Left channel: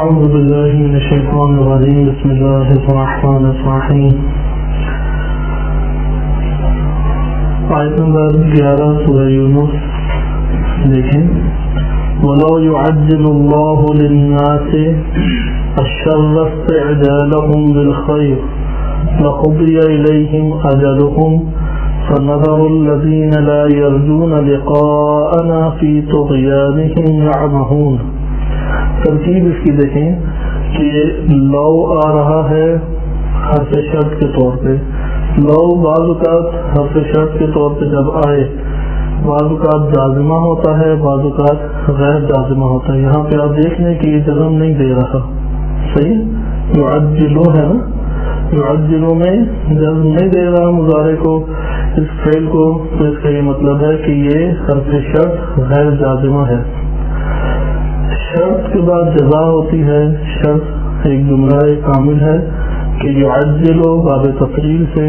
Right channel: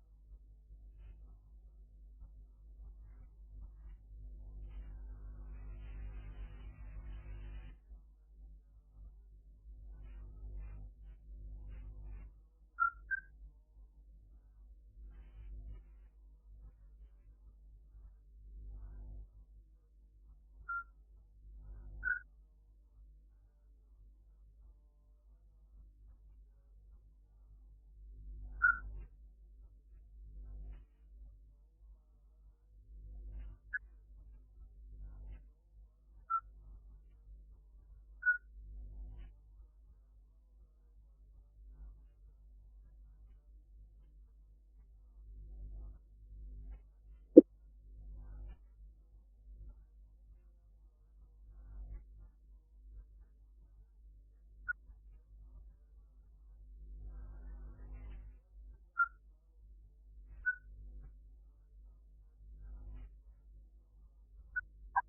أعوذ بالله من الشيطان الرجيم بسم الله الرحمن الرحيم آیت نمبر 11 سورہ یونس دیکھیں وَلَوْ يُعَجِّلُ اللَّهُ لِلنَّاسِ الشَّرَّ اسْتِعْجَالَهُم بِالْخَيْرِ لَقُضِيَ إِلَيْهِمْ أَجَلُهُمْ فَنَذَرُ الَّذِينَ لَا يَرْجُونَ لِقَاءَنَا فِي طُغْيَانِهِمْ يَعْمَهُونَ۔ ترکیب اس کی دیکھیں کہ لو آ رہا ہے حرف شرط کے طور پہ۔ لو بعض اوقات حرف شرط کے طور پہ جب آئے بعض اوقات جازمہ ہوتا ہے، بعض اوقات غیر جازمہ ہوتا ہے۔ یہاں پہ آپ دیکھ لیں کہ یہ جزم نہیں دے رہا، صحیح یعجلو ہے نا، یعجلو میں جزم نہیں دے رہا مضارع کو، اس فعل کو، تو اس کا یہ مطلب ہے کہ یہ حرف شرط غیر جازمہ ہے۔ شرط کے بعد جزا ہوتی ہے، شرط ایک جملہ کامل ہے کہ یعجلو باب تفعیل سے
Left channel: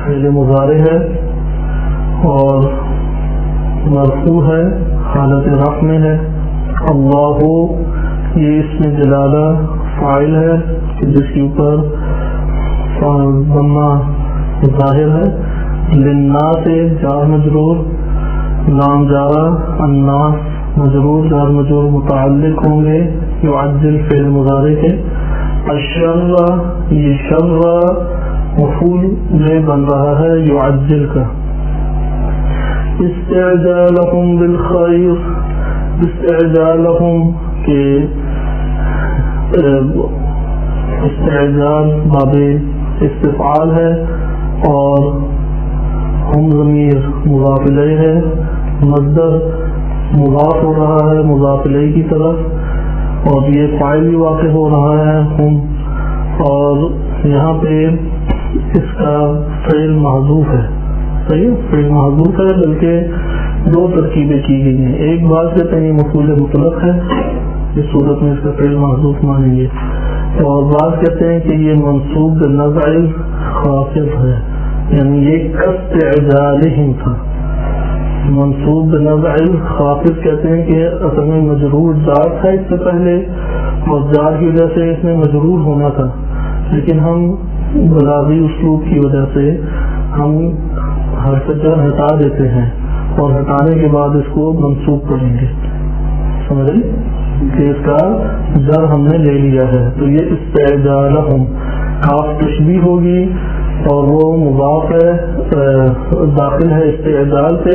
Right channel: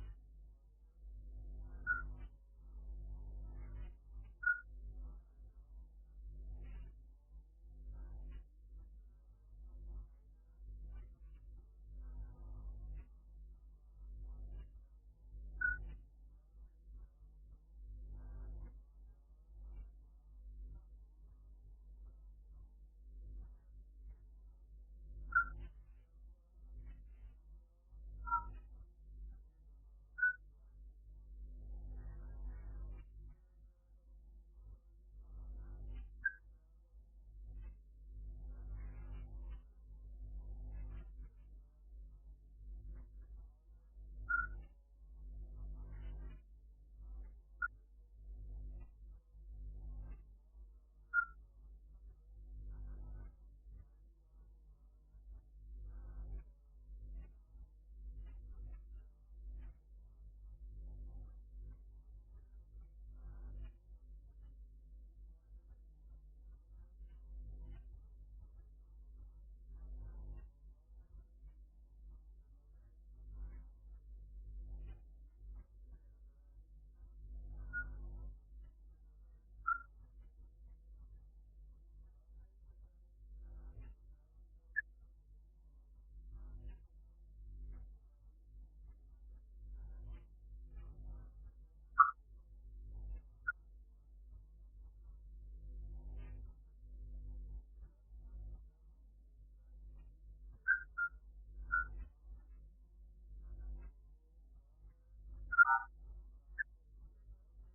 فعل مضارع ہے اور مرفوع ہے، حالت رفع میں ہے۔ اللہ یہ اسم جلالہ فاعل ہے کہ جس کے اوپر ضمہ ظاہر ہے۔ للناس جار مجرور، لام جارہ، الناس مجرور جار مجرور متعلق ہوں گے یعجل فعل مضارع کے۔ الشر یہ شر مفعول میں بن رہا ہے یعجل کا۔ استعجالہم بالخیر، استعجالہم کے استعجال باب استفعال ہے اور ہم ضمیر مضاف الیہ ہے، مصدر مضاف ہو رہا ہے مضاف الیہ کی طرف، اور یہ فاعل بھی واقع ہو رہا ہے ہم، اور یہاں پہ اس کا فعل محذوف ہے، صحیح فعل محذوف ہے، بلکہ دو ترکیبیں کی گئی ہیں۔ ایک بات کہتے ہیں یہ مفعول مطلق ہے، اس صورت میں اس کا فعل محذوف مانیں گے، اور بات کہتے ہیں کہ یہ منصوب بنزع خافض ہے، یعنی یہ کاستعجالہم تھا، منصوب بنزع خافض کہتے ہیں کہ اصل میں مجرور جار تھا اس سے پہلے، اور جار کی وجہ سے اس میں مجرور ہونا تھا، لیکن ہم بلاغی اسلوب کی وجہ سے ہم حرف جر ہٹا دیتے ہیں اور ہٹانے کے بعد اس کو منصوب کریں گے، سمجھ رہے کہ اس کا جر ہم نے لے لیا ہے۔ تو یہ استعجالہم کاف تشبیہ ہوگی اور وہ مضاف ہے داخل ہے استعجال سے،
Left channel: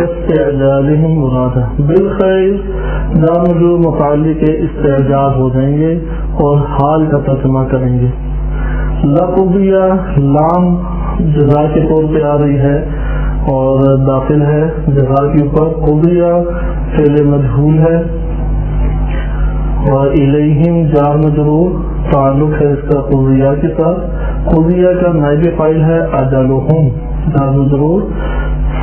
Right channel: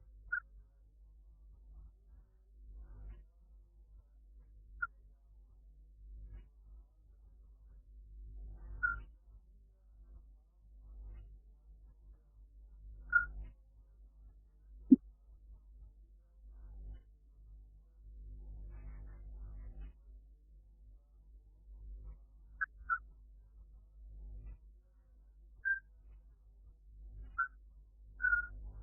استعجالہم مراد ہے۔ بالخیر جار مجرور متعلق استعجال ہو جائیں گے اور حال کا ترجمہ کریں گے۔ لقضیہ لام جزا کے طور پہ آ رہی ہے اور داخل ہے جزا کے اوپر، قضیہ فعل مجہول ہے اور الیہم جار مجرور تعلق ہے اس کا قضیہ کے ساتھ۔ قضیہ کا نائب فاعل ہے اجلہم جار مجرور،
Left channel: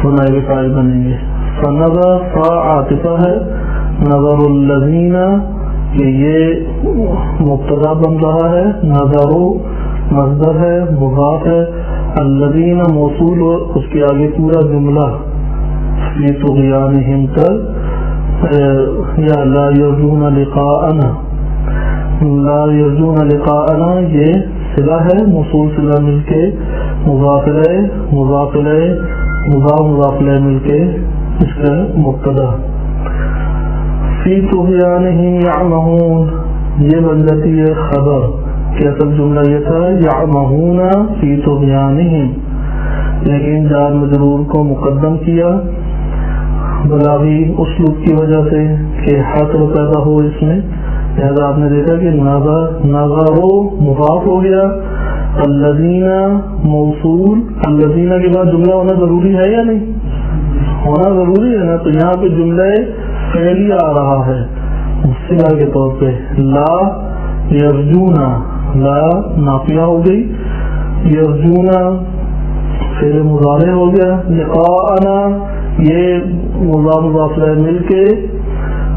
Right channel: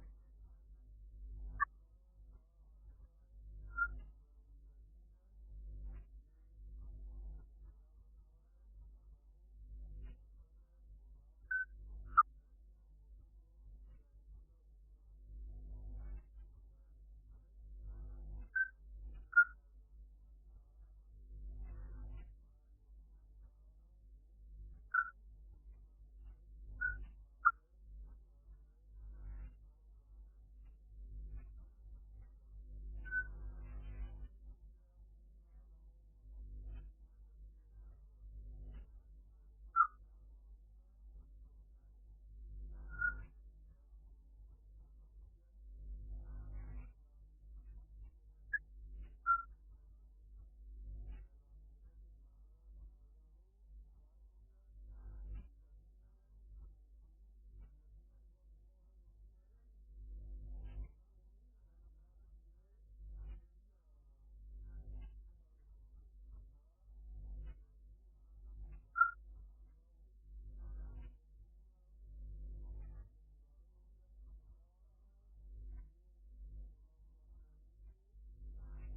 نائب فاعل بنیں گے۔ فنظر فا عاطفہ ہے، نظر الذین کہ یہ مبتدا بن رہا ہے، نظروا مصدر ہے مضاف ہے، الذین موصول اور اس کے آگے پورا جملہ فی طغیانہم تک یا لا یرجون لقاءنا، لا یرجون لقاءنا یہ صلہ ہے، موصول صلہ مل کے مضاف الیہ مضاف الیہ مضاف الیہ مل کے اس کا مبتدا۔ فی طغیانہم یعمہون یہ بن جاتی ہے خبر کہ اصل جملہ یہ تھا یعمہون فی طغیانہم، لیکن جار مجرور کو مقدم کیا بلاغی اسلوب کی وجہ سے کہ حصر پیدا ہو اس میں، لہذا آپ نے دیکھا کہ نظرو مضاف ہو گیا، الذین موصول، الذین کے بعد جملہ ہونا ضروری ہے یا نہیں؟ ہونا ضروری ہے نا، تو یہاں پہ جملہ فعلی آ رہا ہے صلہ کے طور پہ۔ لا یرجونا لا نافیہ ہو گئی، یرجونا فعل مضارع ہو گیا، لقاءنا یہ مضاف الیہ مل کے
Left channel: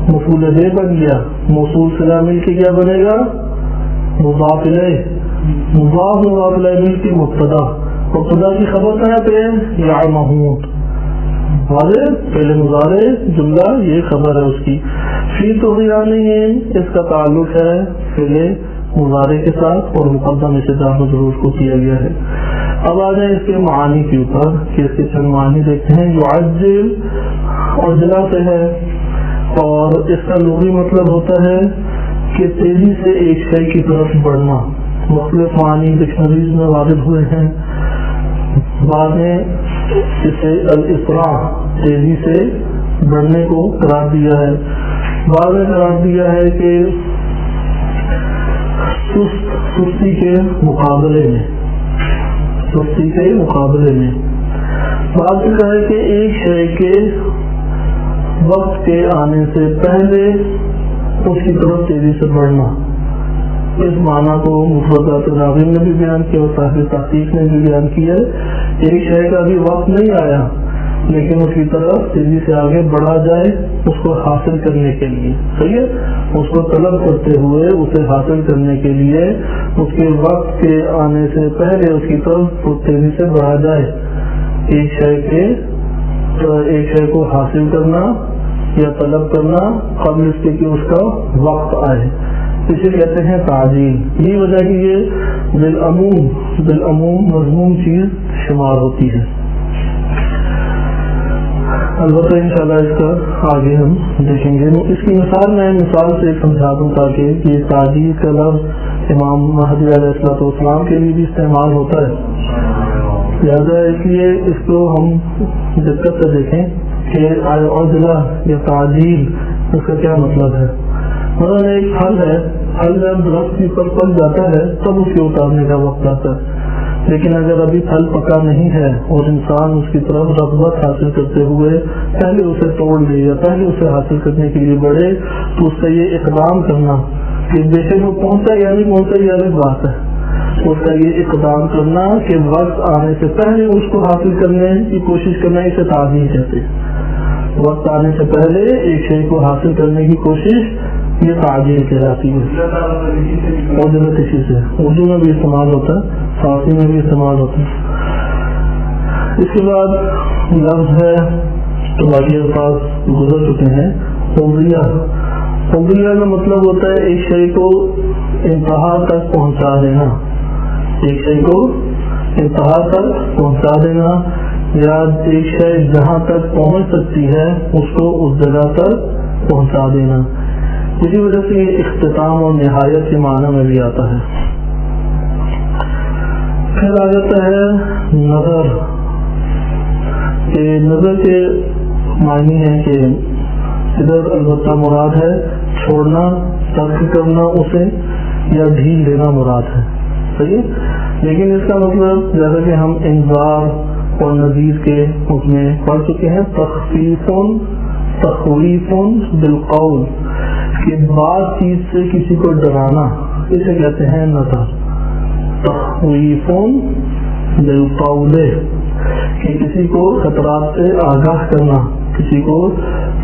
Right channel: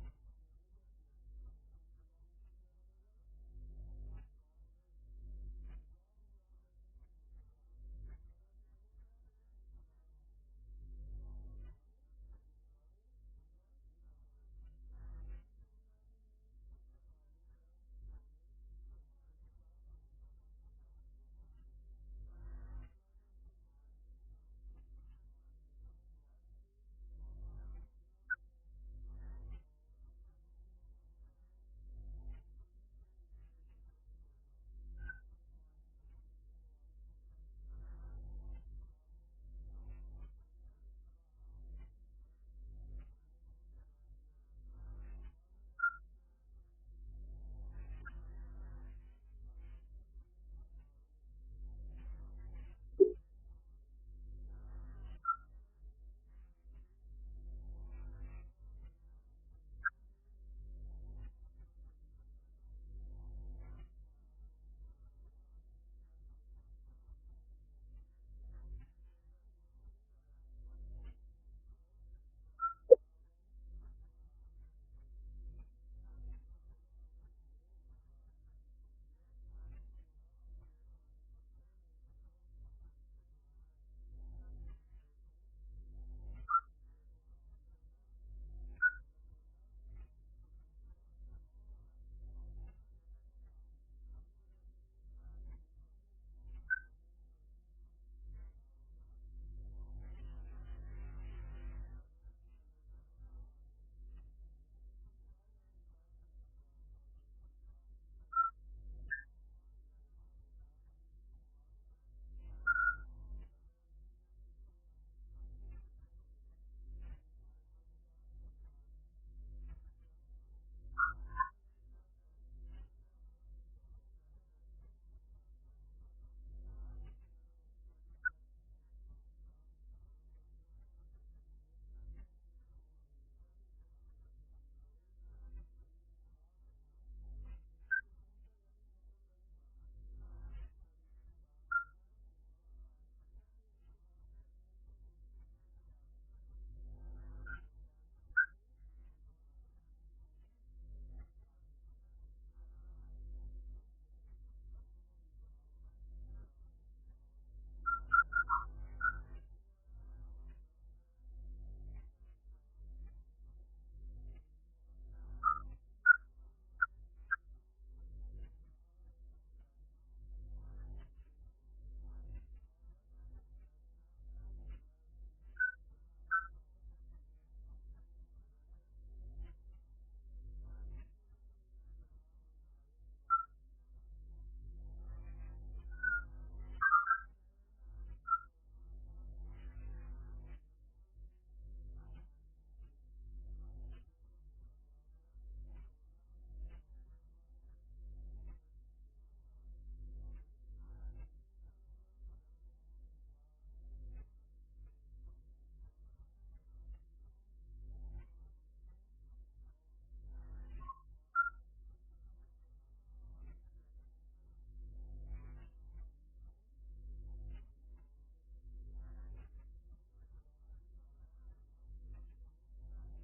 مفعول بہ بن گیا، موصول صلہ مل کے کیا بنے گا مضاف الیہ، مضاف الیہ مل کے مبتدا، مبتدا کی خبر کہاں پہ ہے یعمہون، واضح فعل مضارع جملہ یہ خبر ہے اس کی۔ فی طغیانہم اس کا تعلق ہے فعل مضارع کے ساتھ اور مقدم اسے جار مجرور کو کیا گیا ہے. اب آ جائیں اس کے معانی کے اوپر کہ اس کے چند معانی دیکھتے ہیں. یعجل عجلہ سے ہے اور اس کا لغوی مطلب ہوتا ہے کہ تیزی سے ایک شے کی طرف بڑھنا. مختلف معانی ڈکشنریز میں وارد ہوئے ہیں. بعد میں اسے الاسراع تیزی سے بڑھنے کو قرار دیا ہے. بعد میں قرار دیا ہے کہ سستی کے مقابلے میں بعد میں کہا ہے کہ ایک شے کے وقت کے آنے سے پہلے اس کی طرف تیزی سے بڑھنا. اس معنی کو مفردات راغب نے بھی بیان کیا اور صاحب تحقیق نے بھی بیان کیا. ایک شے کا ابھی وقت نہیں آیا لیکن اس کی طرف تیزی سے آگے بڑھا جائے اس کو حاصل کرنے کے لیے. صحیح ہے, اس کو طلب کرتے ہوئے اسے حاصل کرنے کے لیے اس کے وقت کے آنے سے پہلے اس کی طرف تیزی سے بڑھا جائے. ایک شے کو حاصل کرنا یا طلب کرنا قبل اس کے کہ اس کا وقت آئے, اسے کہتے ہیں تعجیل. یہ وجہ کہ یہ بالعموم مضمون چیز شمار ہوتی ہے. البتہ انشاءاللہ اس کا آگے ہم دیکھیں گے. اس کی مثال سے سمجھا دوں تاکہ یہ تعجیل کا لفظ امام مہدی علیہ السلام کے لیے بھی استعمال ہوتا ہے. لہٰذا اس لیے اس کو ہم دقت سے دیکھیں کہ عجلہ یا تعجیل اس کا کیا مطلب ہے. مثلا ایک پھل ہے, پھل جب درخت کے اوپر پک جاتا ہے تب اس کے اتارنے کا وقت آتا ہے. لیکن اگر ابھی پھل پکا نہیں ہے اور انسان اس کی طرف رغبت حاصل کرتے ہوئے پہلے اسے توڑ لے یا پہلے اسے حاصل کرنے کے لیے بڑھے تو اس کا یہ اقدام کرنا کہ بے شک وہ پہنچا یا نہیں پہنچا یہ الگ بات ہے. اس کا یہ اقدام کرنا کہ وقت آنے سے پہلے اس کو حاصل کرنے کی کوشش کرنا, اسے تعجیل کہتے ہیں. وقت آنے سے پہلے ایک شے کو حاصل کرنے کی کوشش یہ تعجیل کہلاتی ہے. اور جب اسی سے اردو میں بھی استعمال ہوتا ہے, فارسی میں بھی استعمال ہوتا ہے. اس کے بعد لفظ ہے تو باقی الفاظ گزر چکے ہیں. فضیہ کا مطلب ہوتا ہے ایک شے کو انتہا تک پہنچا دینا. ایک شے کو انتہا تک پہنچا دینا یا ایک شے جہاں تک پہنچ سکتی ہے اس کو اس جگہ تک پہنچا دینا. اسی وجہ سے یہ اختتام اور نہایت کے معنی میں بھی آتا ہے. پھر آ جاتا ہے نظر. کہ نظر کے معنی ہے کہ ادھر البتہ مراد ہے چھوڑنا, ترک کرنا اسے یا ڈھیل دینا مراد ہے. صحیح, لیکن اس کا مطلب جیسا کہ ہم انذار اور نذیر کے حکم میں پڑھ چکے ہیں, تخویف بالقول کہ بعض چیز سے کسی کو ڈرانا, اسے کہتے ہیں نظر. تخویف بالقول کہ کسی کو خطرات سے آگاہ کرنا, کسی کو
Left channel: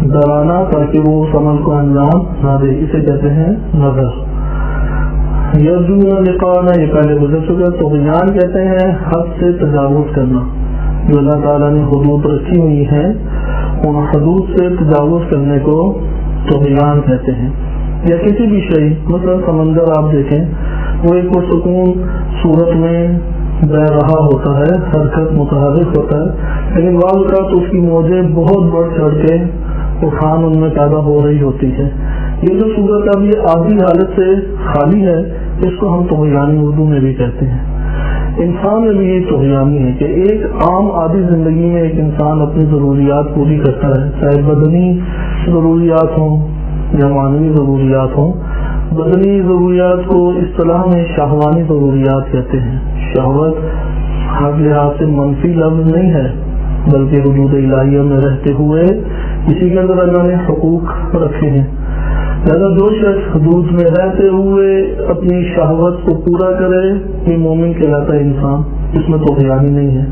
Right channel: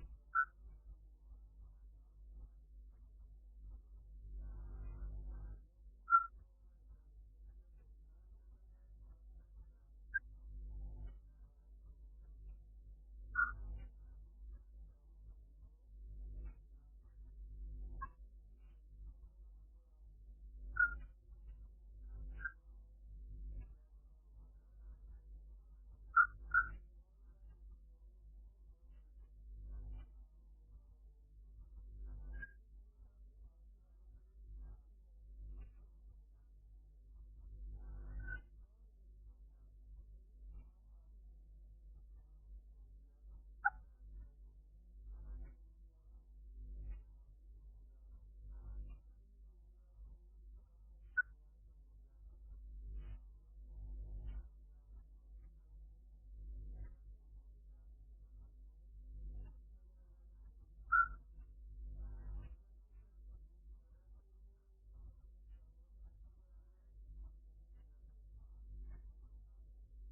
ڈرانا تاکہ وہ اس عمل کو انجام نہ دے, اسے کہتے ہیں نظر. یرجون لقاءنا یہ پہلے گزر چکا. طغیان کہتے ہیں حد سے تجاوز کرنا. جو اللہ تعالیٰ نے حدود رکھی ہوئی ہیں ان حدود سے تجاوز کرنے کو طغیان کہتے ہیں. یا کسی بھی شے, مثلا سمندر آپ دیکھیں وہ ایک پرسکون صورت میں بہ رہا ہوتا ہے, حرکت متحرک ہوتا ہے, لیکن بعض اوقات اس کی موجیں بہت بڑھ چڑھ کے طوفان ان میں پیدا ہو رہی ہوتی ہے. یہ جو صورت اب یہ عادی حالت سے خالی ہے اس کو ہم طغیانی اردو میں بھی کہتے ہیں. انسان میں بھی یہ طغیانی ہے کہ ایک عام عادی زندگی میں ایک انسان اپنی ضروریات پوری کرتا ہے, چاہے بدنی ضروریات ہوں یا معنوی ضروریات ہوں. بدنی ضروریات کو اصطلاح میں شہوانی ضروریات کہتے ہیں. شہوت ہر لحاظ سے منفی لفظ نہیں ہے بلکہ حدود الہیہ میں رہتے ہوئے اسی کے اندر اللہ نے حقوق رکھے ہیں. لہذا جو شخص حدود میں رہتے ہوئے اپنی شہوت کو پورا کرے یہ مومن کہلاتا ہے انسان, اس میں طغیانی نہیں ہے.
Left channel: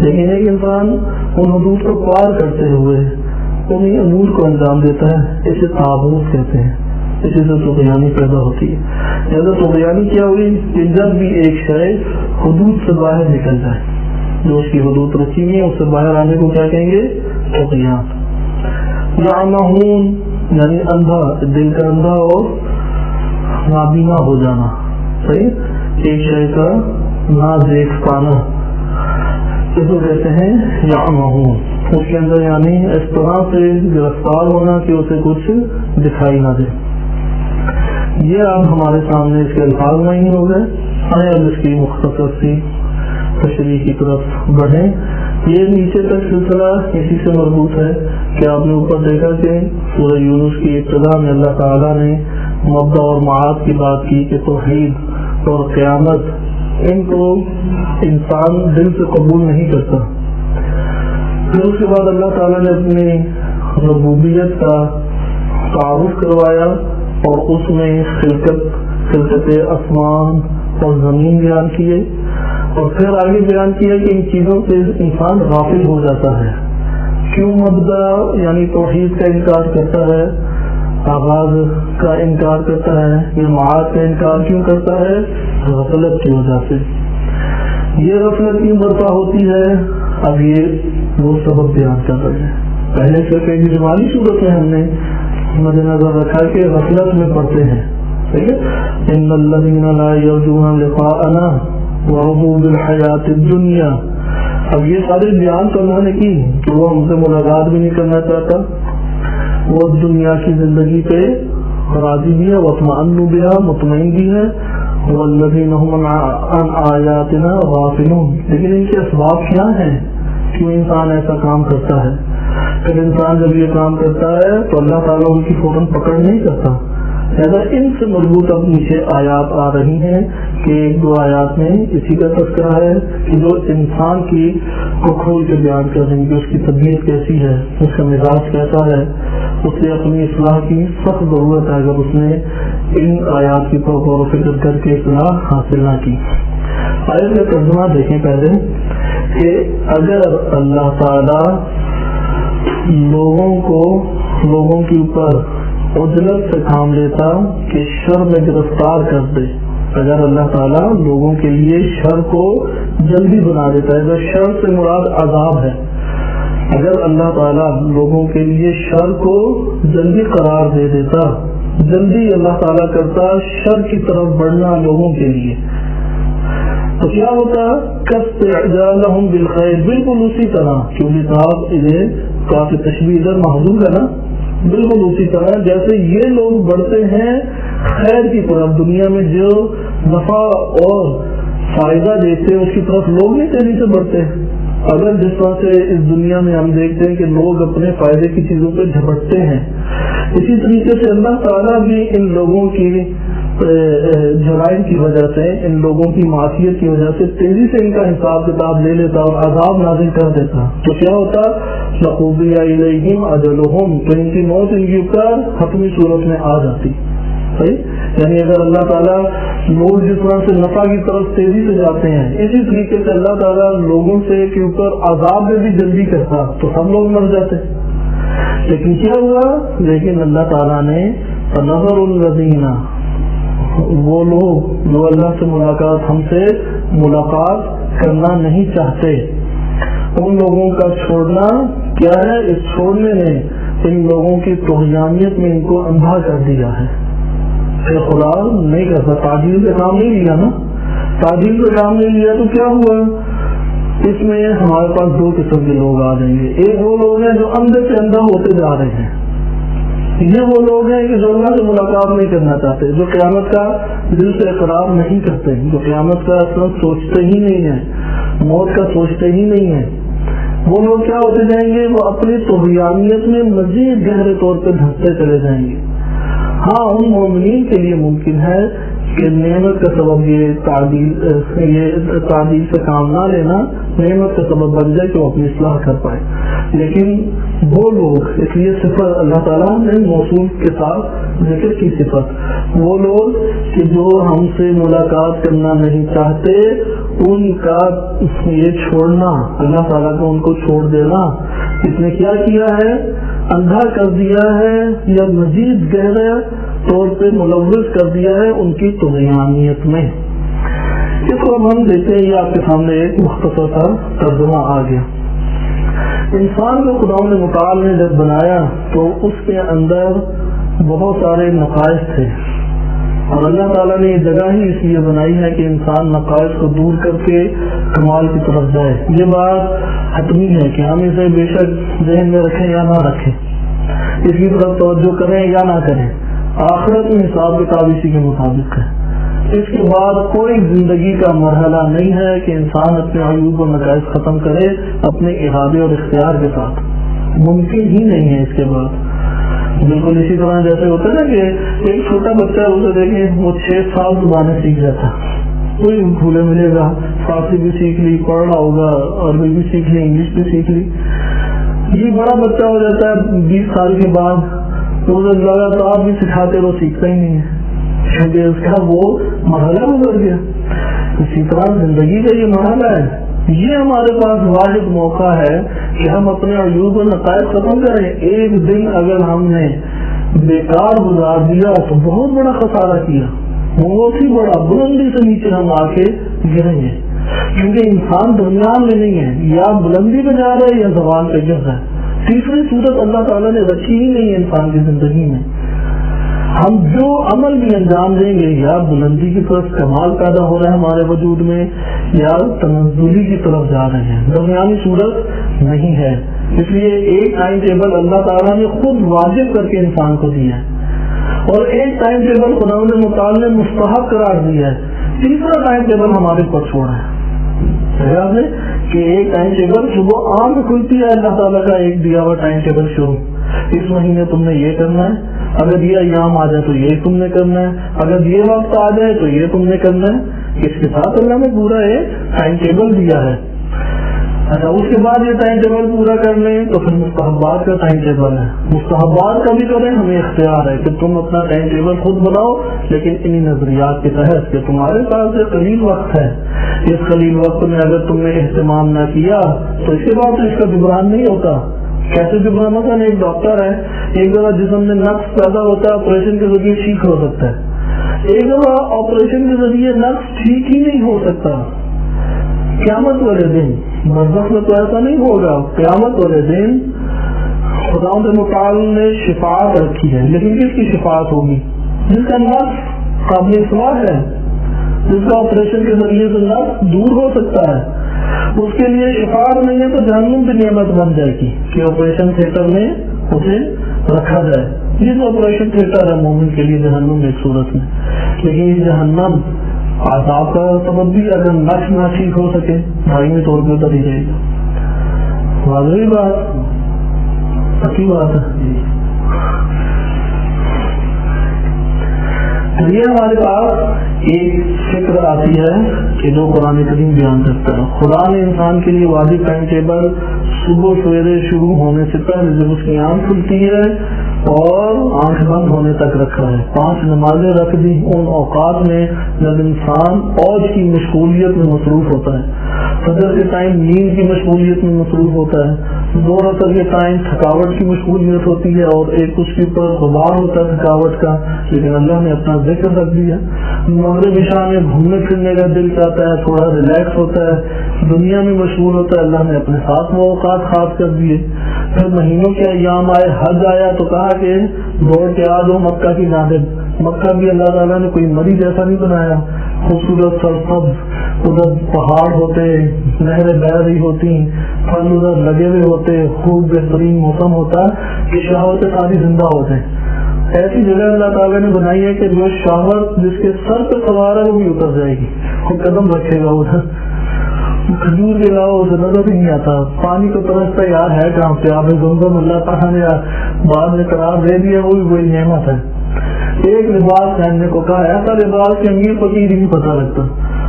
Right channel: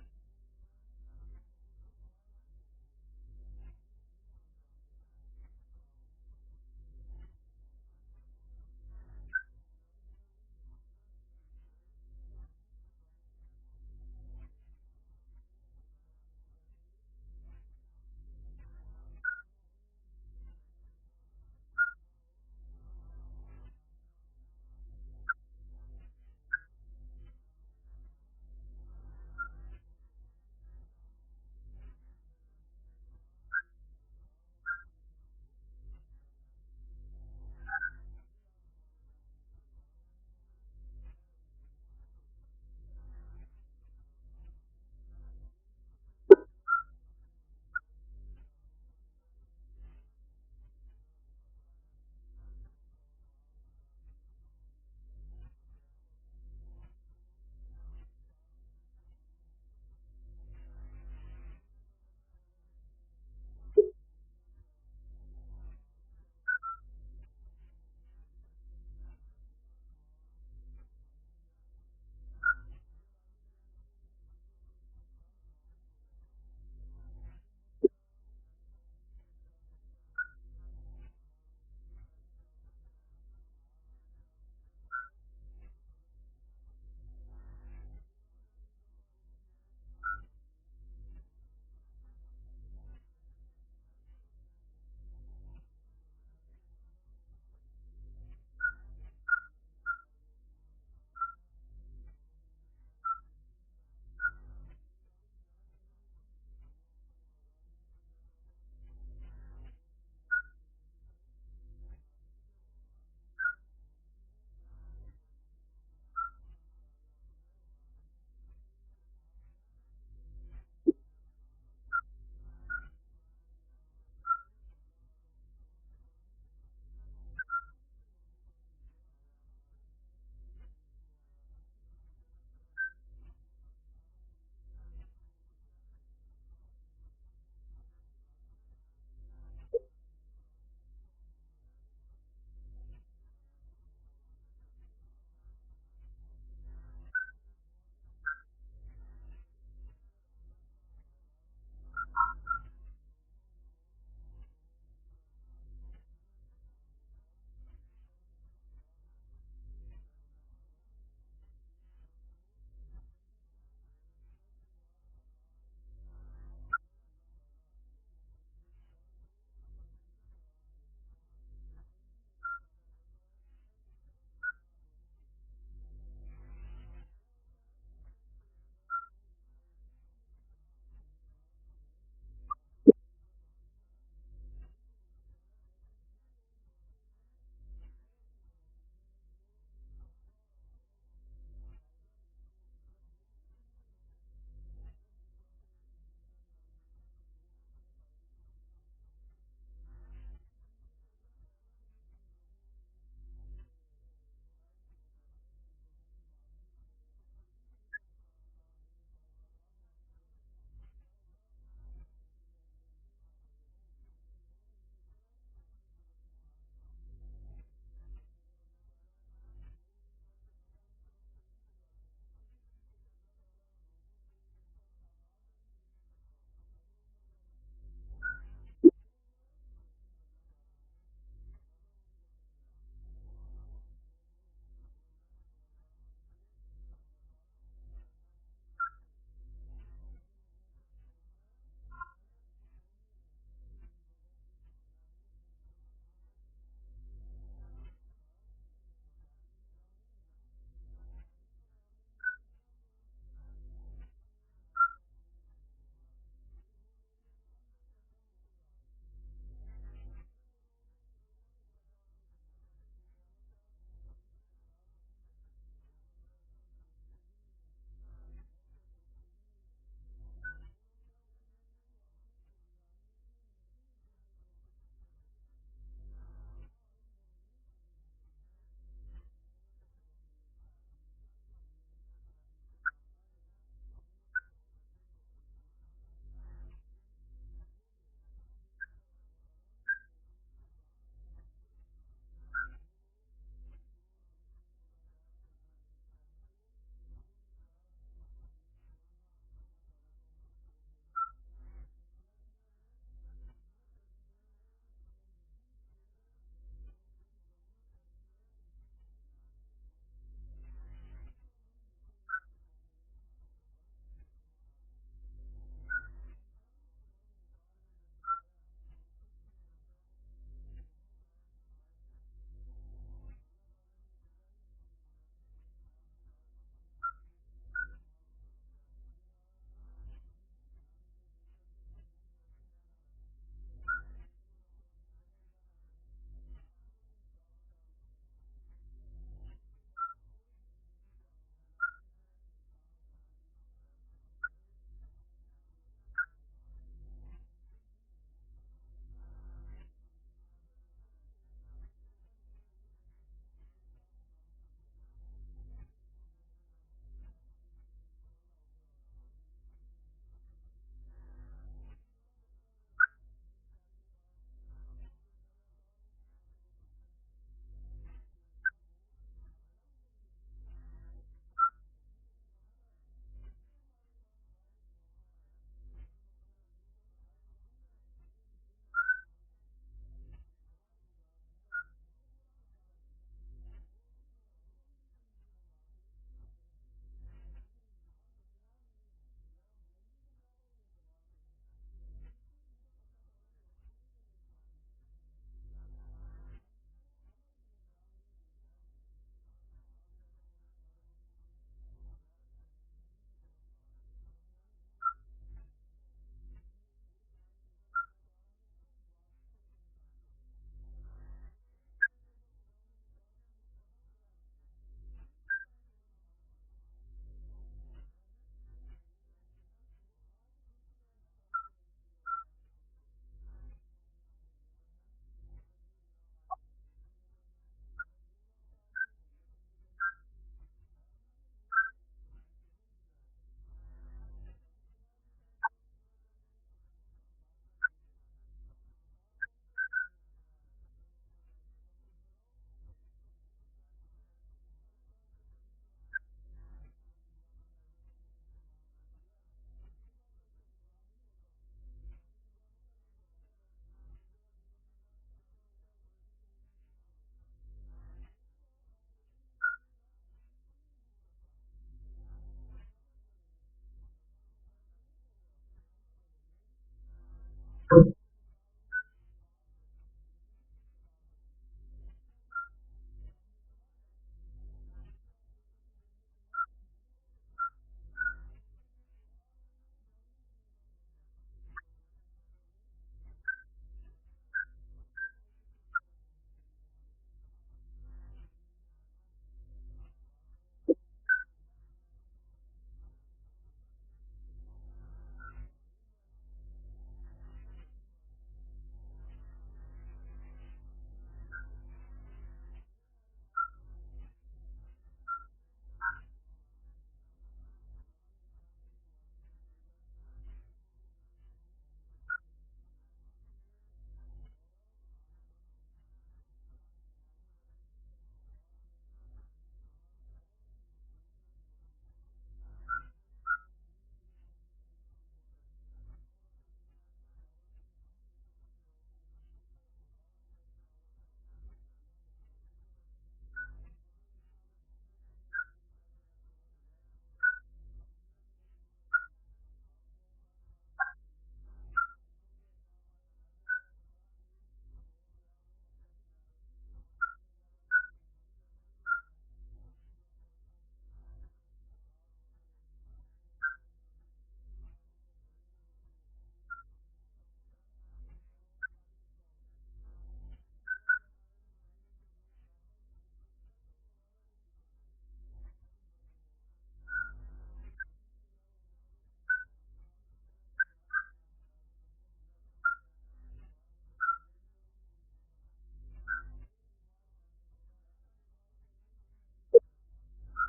لیکن ایک انسان ان حدود کو پار کرتے ہوئے انہیں امور کو انجام دیتا ہے, اسے تعاوض کہتے ہیں. اسی سے طغیانی پیدا ہوتی ہے. لہذا طغیانی کیا ہوئی کہ جب بھی ایک شے حدود سے باہر نکل جائے, جو اس کی حدود رکھی ہوئی ہے اس سے باہر آنے کو کیا کہیں گے؟ طغیان. یعمہون یعنی اندھا، دل کا اندھا اور نابینا ہو جانا، صحیح، ایک شے کا نہ دیکھ پانا، اس کو کہتے ہیں یعمہون، اس کے اندر یعنی اس طرح سے گرفتار ہونا کہ اسے کچھ دکھائی نہ دے۔ یہ آپ ہمارے سامنے اس کے الفاظ نہیں ہو گئے، اب اس کی مختصر سی تشریح کی طرف بڑھیں۔ یہ نیچے تک سلسلہ اسی سے مربوط ہے کہ آپ نے اوپر دیکھا کہ سورہ یونس کی ابتدا میں اللہ تعالیٰ نے مبدا اور معاد کی بات کی کہ توحید اور قیامت ان کو انسان دل سے قبول نہیں کرتا۔ پھر اس کے بعد اللہ تعالیٰ نے اپنی ربوبیت کا تعارف کروایا اور اس میں خلقت آسمان اور زمین بیان کیے، اور پھر آگے بیان کیا کہ ان چیزوں سے انسان غافل ہو جاتا ہے۔ کیوں مبدا یعنی توحید کا انکار کرتا ہے، آغاز کا انکار کرتا ہے، یا معاد کا انکار کیوں کرتا ہے؟ غفلت کی وجہ سے۔ یہ غفلت کیوں برپا ہوتی ہے؟ اب یہ وہ سبب بیان کر رہے ہیں۔ پہلے صرف ایک اجمالی صورت میں ہم نے مد نظر رکھا کہ غفلت میں پڑتے ہیں، ٹھیک ہے، ان الذین لا یرجون لقاءنا ورضوا بالحیات الدنیا۔ اب یہ سارے بیان تو انہوں نے کی کہ وہ ہم سے ملاقات بھی نہیں کرنا چاہتا، وہ دنیا کی زندگی پہ راضی بھی ہے، واطمئن بہا، مطمئن بھی ہے، والذین هم عن آیاتنا غافلون۔ لیکن ان کے اسباب کیا ہیں کیوں انسان ایسا کام کرتا ہے؟ پھر انسان جب یہ کام کرتا ہے تو اللہ تعالیٰ ان کی فوراً پکڑ نہیں کرتا۔ لہٰذا ان سے مربوط اب نیچے آیات آ رہی ہیں کہ ایک دو آیات میں اسی کا تذکرہ ہے کہ جو انسان کی کو کھول کے بیان کر رہی کہ اس کی طبیعت کیسی ہے، اس کا مزاج کیسا ہے، اسے اپنی اصلاح کی سخت ضرورت ہے اگر اس نے ان آیات کی غور و فکر کر کے اصلاح حاصل نہ کی۔ آیت کا ترجمہ دیکھیں پہلے کہ اگر اللہ تعالیٰ لوگوں کے اوپر عجلت سے کام لیتا کہ شر میں گرفتار کر دے، اگر اللہ تعالیٰ لوگوں کے لیے شر کو جلدی بنا دیتا ہے، اگر شر سے مراد عذاب ہے، اگر اللہ تعالیٰ لوگوں کے لیے شر کو جلدی قرار دے دیتا، جلدی اللہ تعالیٰ کرتا شر کی طرف بڑھنا لوگوں کے لیے، تو کیا ہوتا؟ کاستعجالہم بالخیر، بالکل اسی طرح، کیونکہ صاحب انہیں کافی تشبیہ ادھر محضور ہے نا، بالکل اسی طرح جیسے یہ لوگ بڑھتے ہیں خیر کی طرف، دنیا میں جو نفع اور فائدہ دیتے ہیں اس کی طرف لوگ نہیں تیزی سے بڑھتے ہیں۔ اگر جس طرح سے اس دنیا میں ہم دیکھتے ہیں کہ لوگ اپنے فائدے کی چیزوں پہ جھپٹتے ہیں، اسی طریقے سے اللہ تعالیٰ بھی ان لوگوں کی جرائم کی وجہ سے، ان لوگوں کی معصیت کی وجہ سے تیزی سے ان کا حساب کتاب لے لیتا اور عذاب نازل کر دیتا، تو کیا ہوتا؟ لقضی الیہم اجلہم، تو ان کی موت ان کے اوپر حتمی صورت میں آ جاتی، صحیح، یعنی اگر اللہ تعالیٰ لوگ جس طرح سے نفع کی طرف تیزی سے جاتے ہیں، اسی طریقے سے اللہ تعالیٰ لوگوں سے کے اوپر عذاب میں بھی جلدی کرتا تو سب لوگ مر جاتے۔ لیکن کیا ہوا؟ لیکن اللہ تعالیٰ نے فنظر الذین، وہ لوگ جو اللہ سے ہم سے ملاقات کرنا نہیں چاہتے، ان لوگوں کا چھوڑنا کیا ہے؟ اس چھوڑنے نے ان لوگوں کی طغیانیت میں ان کو اندھا کر دیا ہے۔ خدا نہیں کرتا، تعجیل کا کام نہیں لیا نا، تعجیل کا کام نہیں لیا تو کیا ہوا؟ اس میں ہمارے پاس دو قسم کے لوگ آ جائیں گے۔ ایک وہ لوگ ہیں جو اندھے سے اندھا ہوتے جا رہے ہیں، یہ وہ لوگ ہیں کہ جو اللہ سے ملاقات نہیں کرنا چاہتے، جو قیامت کا دل سے اقرار نہیں کرتے، جو قیامت کا اصل سوچتے ہی نہیں ہیں، موت کا سوچتے ہی نہیں ہیں، وہ لوگ کیا ہوتے جائیں گے؟ وہ اپنی طغیانیت میں مزید گہرے طور پہ دھستے چلے جائیں گے۔ ہاں، ان مومنین کے لیے ممکن ہے کہ نعمت کا سبب یہ تعدیل سے کام نہ لینا نعمت کا سبب بن جائے کہ وہ اپنی اصلاح کر پائے، لیکن وہ لوگ، اس لیے صفت اللہ تعالیٰ نے موصول کے ساتھ ذکر کی صفت، وہ لوگ کہ جو ہم سے ملاقات کرنا نہیں چاہتے، ان کا یہ چھوڑنا، اللہ تعالیٰ کو ان کو چھوڑ دینا، اس نے کیا کیا ہے؟ اندھا کر دیا ہے یا مزید گہرے طور پہ ملوث کر دیا ہے ان کی طغیانیت میں۔ اس کو ہم دیکھتے ہیں، یہ آپ کے سامنے ایک مختصر سا ترجمہ آ گیا۔ انسان کو خدا نے متعال نے جب بنایا تو اس کے اندر بہت سارے نقائص تھے، اور اللہ تعالیٰ نے یہ جگہ ہی اس لیے بنائی ہے کہ انسان نقائص کو دور کر کے کمال کی طرف جائے۔ یہ بات حتمی ہے کہ ہم اسے بے شک ذہن میں رکھیں یا نہ رکھیں، اس کی طرف توجہ کریں یا نہ کریں، آخرت میں حساب کتاب اسی کے مطابق ہے۔ اس کے بعد کوئی زندگی کا مرحلہ نہیں ہے کہ انسان اپنے عیوب و نقائص ختم کرے اپنے ارادے اور اختیار کے ساتھ، ممکن ہی نہیں ہے اس کے بعد۔ بالکل اسی طرح جیسے ہوتا ہے نا کہ ایک چھوٹا بچہ ہے، اسے دیکھیں وہ 6 سال زبانیں سیکھ جاتا، کوئی بھولے ملے گا، فارسی بھی سیکھ لی، پڑھ رہا ہوگا، عربی بھی سیکھ لی، انگلش بھی سیکھ لی۔ یہ بڑا بچہ ہو جاتا ہے 20 سال کے بعد، اسے لگاتار بھی سکھاتے رہو، سیکھتا ہی نہیں ہے کیونکہ اس کا وہ مرحلہ گزر گیا۔ اسی طرح زندگی کا یہ مرحلہ ہے، یہ ہمارے پاس واحد موقع ہے کہ ہم اپنے عیوب و نقائص ختم کریں۔ ایک دن اگر ہم نے بیکار گزار دیا تو بہت بڑا خسارہ کیا، بہت ہی بڑا، بلندی سے نیچے ہم آ کے گریں گے، کیونکہ انسان درمیان میں نہیں ہے، یا بلندی پہ جا رہا ہے یا زوال پہ گر رہا ہے۔ تیسری صورت اللہ تعالیٰ نے رکھی ہی نہیں ہے انسان کی زندگی میں۔ ہم جو عمل بھی انجام دیں گے، یا بلندی کی طرف کمال پیدا ہو رہا ہے ہمارے وجود میں، یا تنزلی کی طرف جا رہے ہیں، درمیانی صورت نہیں ہے۔ اس لیے ایک ٹائم ٹیبل اللہ تعالیٰ نے خود واجب کر کے انسان کو دیا ہے، اور ایک ٹائم ٹیبل خدا متعال نے مستحب قرار دیا ہے، تیسرا ٹائم ٹیبل ہمارے اوپر چھوڑا ہے۔ یاد ہے کہ ایک ٹائم ٹیبل صبح آنکھ کھلتی ہے، اللہ تعالیٰ کا ایک دیا ہوا ٹائم ٹیبل شروع، اس مہینے تم نے یہ کرنا ہے، اگر یہ ایام آ جائے تو یہ تم نے کرنا ہے، اگر یہ وقت آ جائے تو یہ تم نے کرنا ہے۔ اس کے ساتھ اللہ نے پورا ایک ٹائم ٹیبل دیا ہے۔ اچھا، اس کے بعد یہ ٹائم ٹیبل پورا کر لیں تو پھر مستحبات کا ٹائم ٹیبل ہے، مستحبات کا بھی کریں، ہمیں اختیار ہے کہ تم اپنا ٹائم ٹیبل خود بناؤ، لیکن انہی نظریات کے تحت کہ تمہارے پاس یہ قلیل وقت ہے، اس قلیل وقت میں اگر تم نے اہتمام نہ کیا تو اس کے بعد تو اس کا جبران نہیں ہوتا۔ کیسے جبران ہوتا ہے؟ ایک ڈاکٹر ہے، ایک دفعہ جسم میں نقص پیدا ہوتا ہے، آپریشن کے ذریعے ٹھیک ہو سکتا ہے، ایک دفعہ آپریشن کے ذریعے نقص ٹھیک ہی نہیں ہو سکتا۔ قیامت والے دن برزخ میں تو ایسا نہیں ہوگا، قیامت والے دن خدا متعال نے شفاعت رکھی ہے، لیکن کس کی شفاعت ہوگی؟ جس کا نقص قابل اصلاح ہے، جس کا آپریشن کے ذریعے سے نقص دور ہو سکتا ہے، اس کے لیے شفاعت نہیں ہے تو جہنم بھی نعمت بن جائے گی کہ آپریشن تھیٹر میں اسے رکھا جائے۔ یہ آپریشن تھیٹر ہے مومن کے لیے جہنم ایک صورت میں، لیکن یہ جہنم عذاب کا سبب بھی اگر نقص نہ ٹھیک ہو سکے دائمی طور پہ اتر ہی جائے گا۔ واضح بات، پکی بات ہے۔ یہ ہمارے پاس ایک فکر آتی ہے کہ جو قرآن کریم بیان کرتا ہے، خدا نے انسان کے لیے واجب ٹائم ٹیبل صبح سویرے شروع ہونے سے پہلے جب اس کی آنکھ کھلتی ہے اور آنکھ بند ہونے تک رکھا ہے، 5 نمازیں رکھ دی ان اوقات میں جب انسان اوج کی مشغولیت میں مصروف ہوتا ہے، فجر کے ٹائم نیند کی مشغولیت میں مصروف ہوتا ہے، ظہر اثر کے ٹائم تھکاوٹ کی مشغولیت ہوتی ہے اور ایک اس کے اوپر غبار ہوتا ہے تھکاوٹ کا، لیکن اللہ نے اپنا ذکر رکھ دیا۔ مغرب عشاء میں گھومنے پھرنے کا دل چاہتا ہے، تھوڑا ریلیکس ہوتا ہے، دنیا میں مشغول ہوتا ہے، اللہ نے اپنے ساتھ وہ اوقات خاص کر دیے۔ پھر مہینوں کے ایام آئے، حج آیا تو کہا کہ دوڑ کے آ جاؤ مکہ کی جانب۔ مکہ بھی اللہ تعالیٰ نے کوئی مری جیسا نہیں بنایا، خوبصورت سرسبز، ادھر پہاڑ ہوتے، نہریں بہہ رہی ہوتی، پھل ادھر لگے ہوئے ہوتے، خوب بہترین موسم ہوتا کہ شہوتیں ساری زندہ ہوتے۔ ایسی جگہ اللہ تعالیٰ نے بنائی ہے کہ جو شہوت جس کے سر پہ سوار ہے وہ بھی اتر جائے گی، کوئی قدم رکھے گا ادھر، کھجور کے علاوہ اسے نظر ہی نہیں آتا، پانی کو ترستا یار ہے کہاں پہ، آپ زمزم اللہ تعالیٰ نے بعد میں قرار دے دیا، وہ بھی بڑی نعمت ہے۔ ایک لباس پہننے کو کہا، ایسا لباس کہ امیر فقیر ہی نہیں پتا لگتا،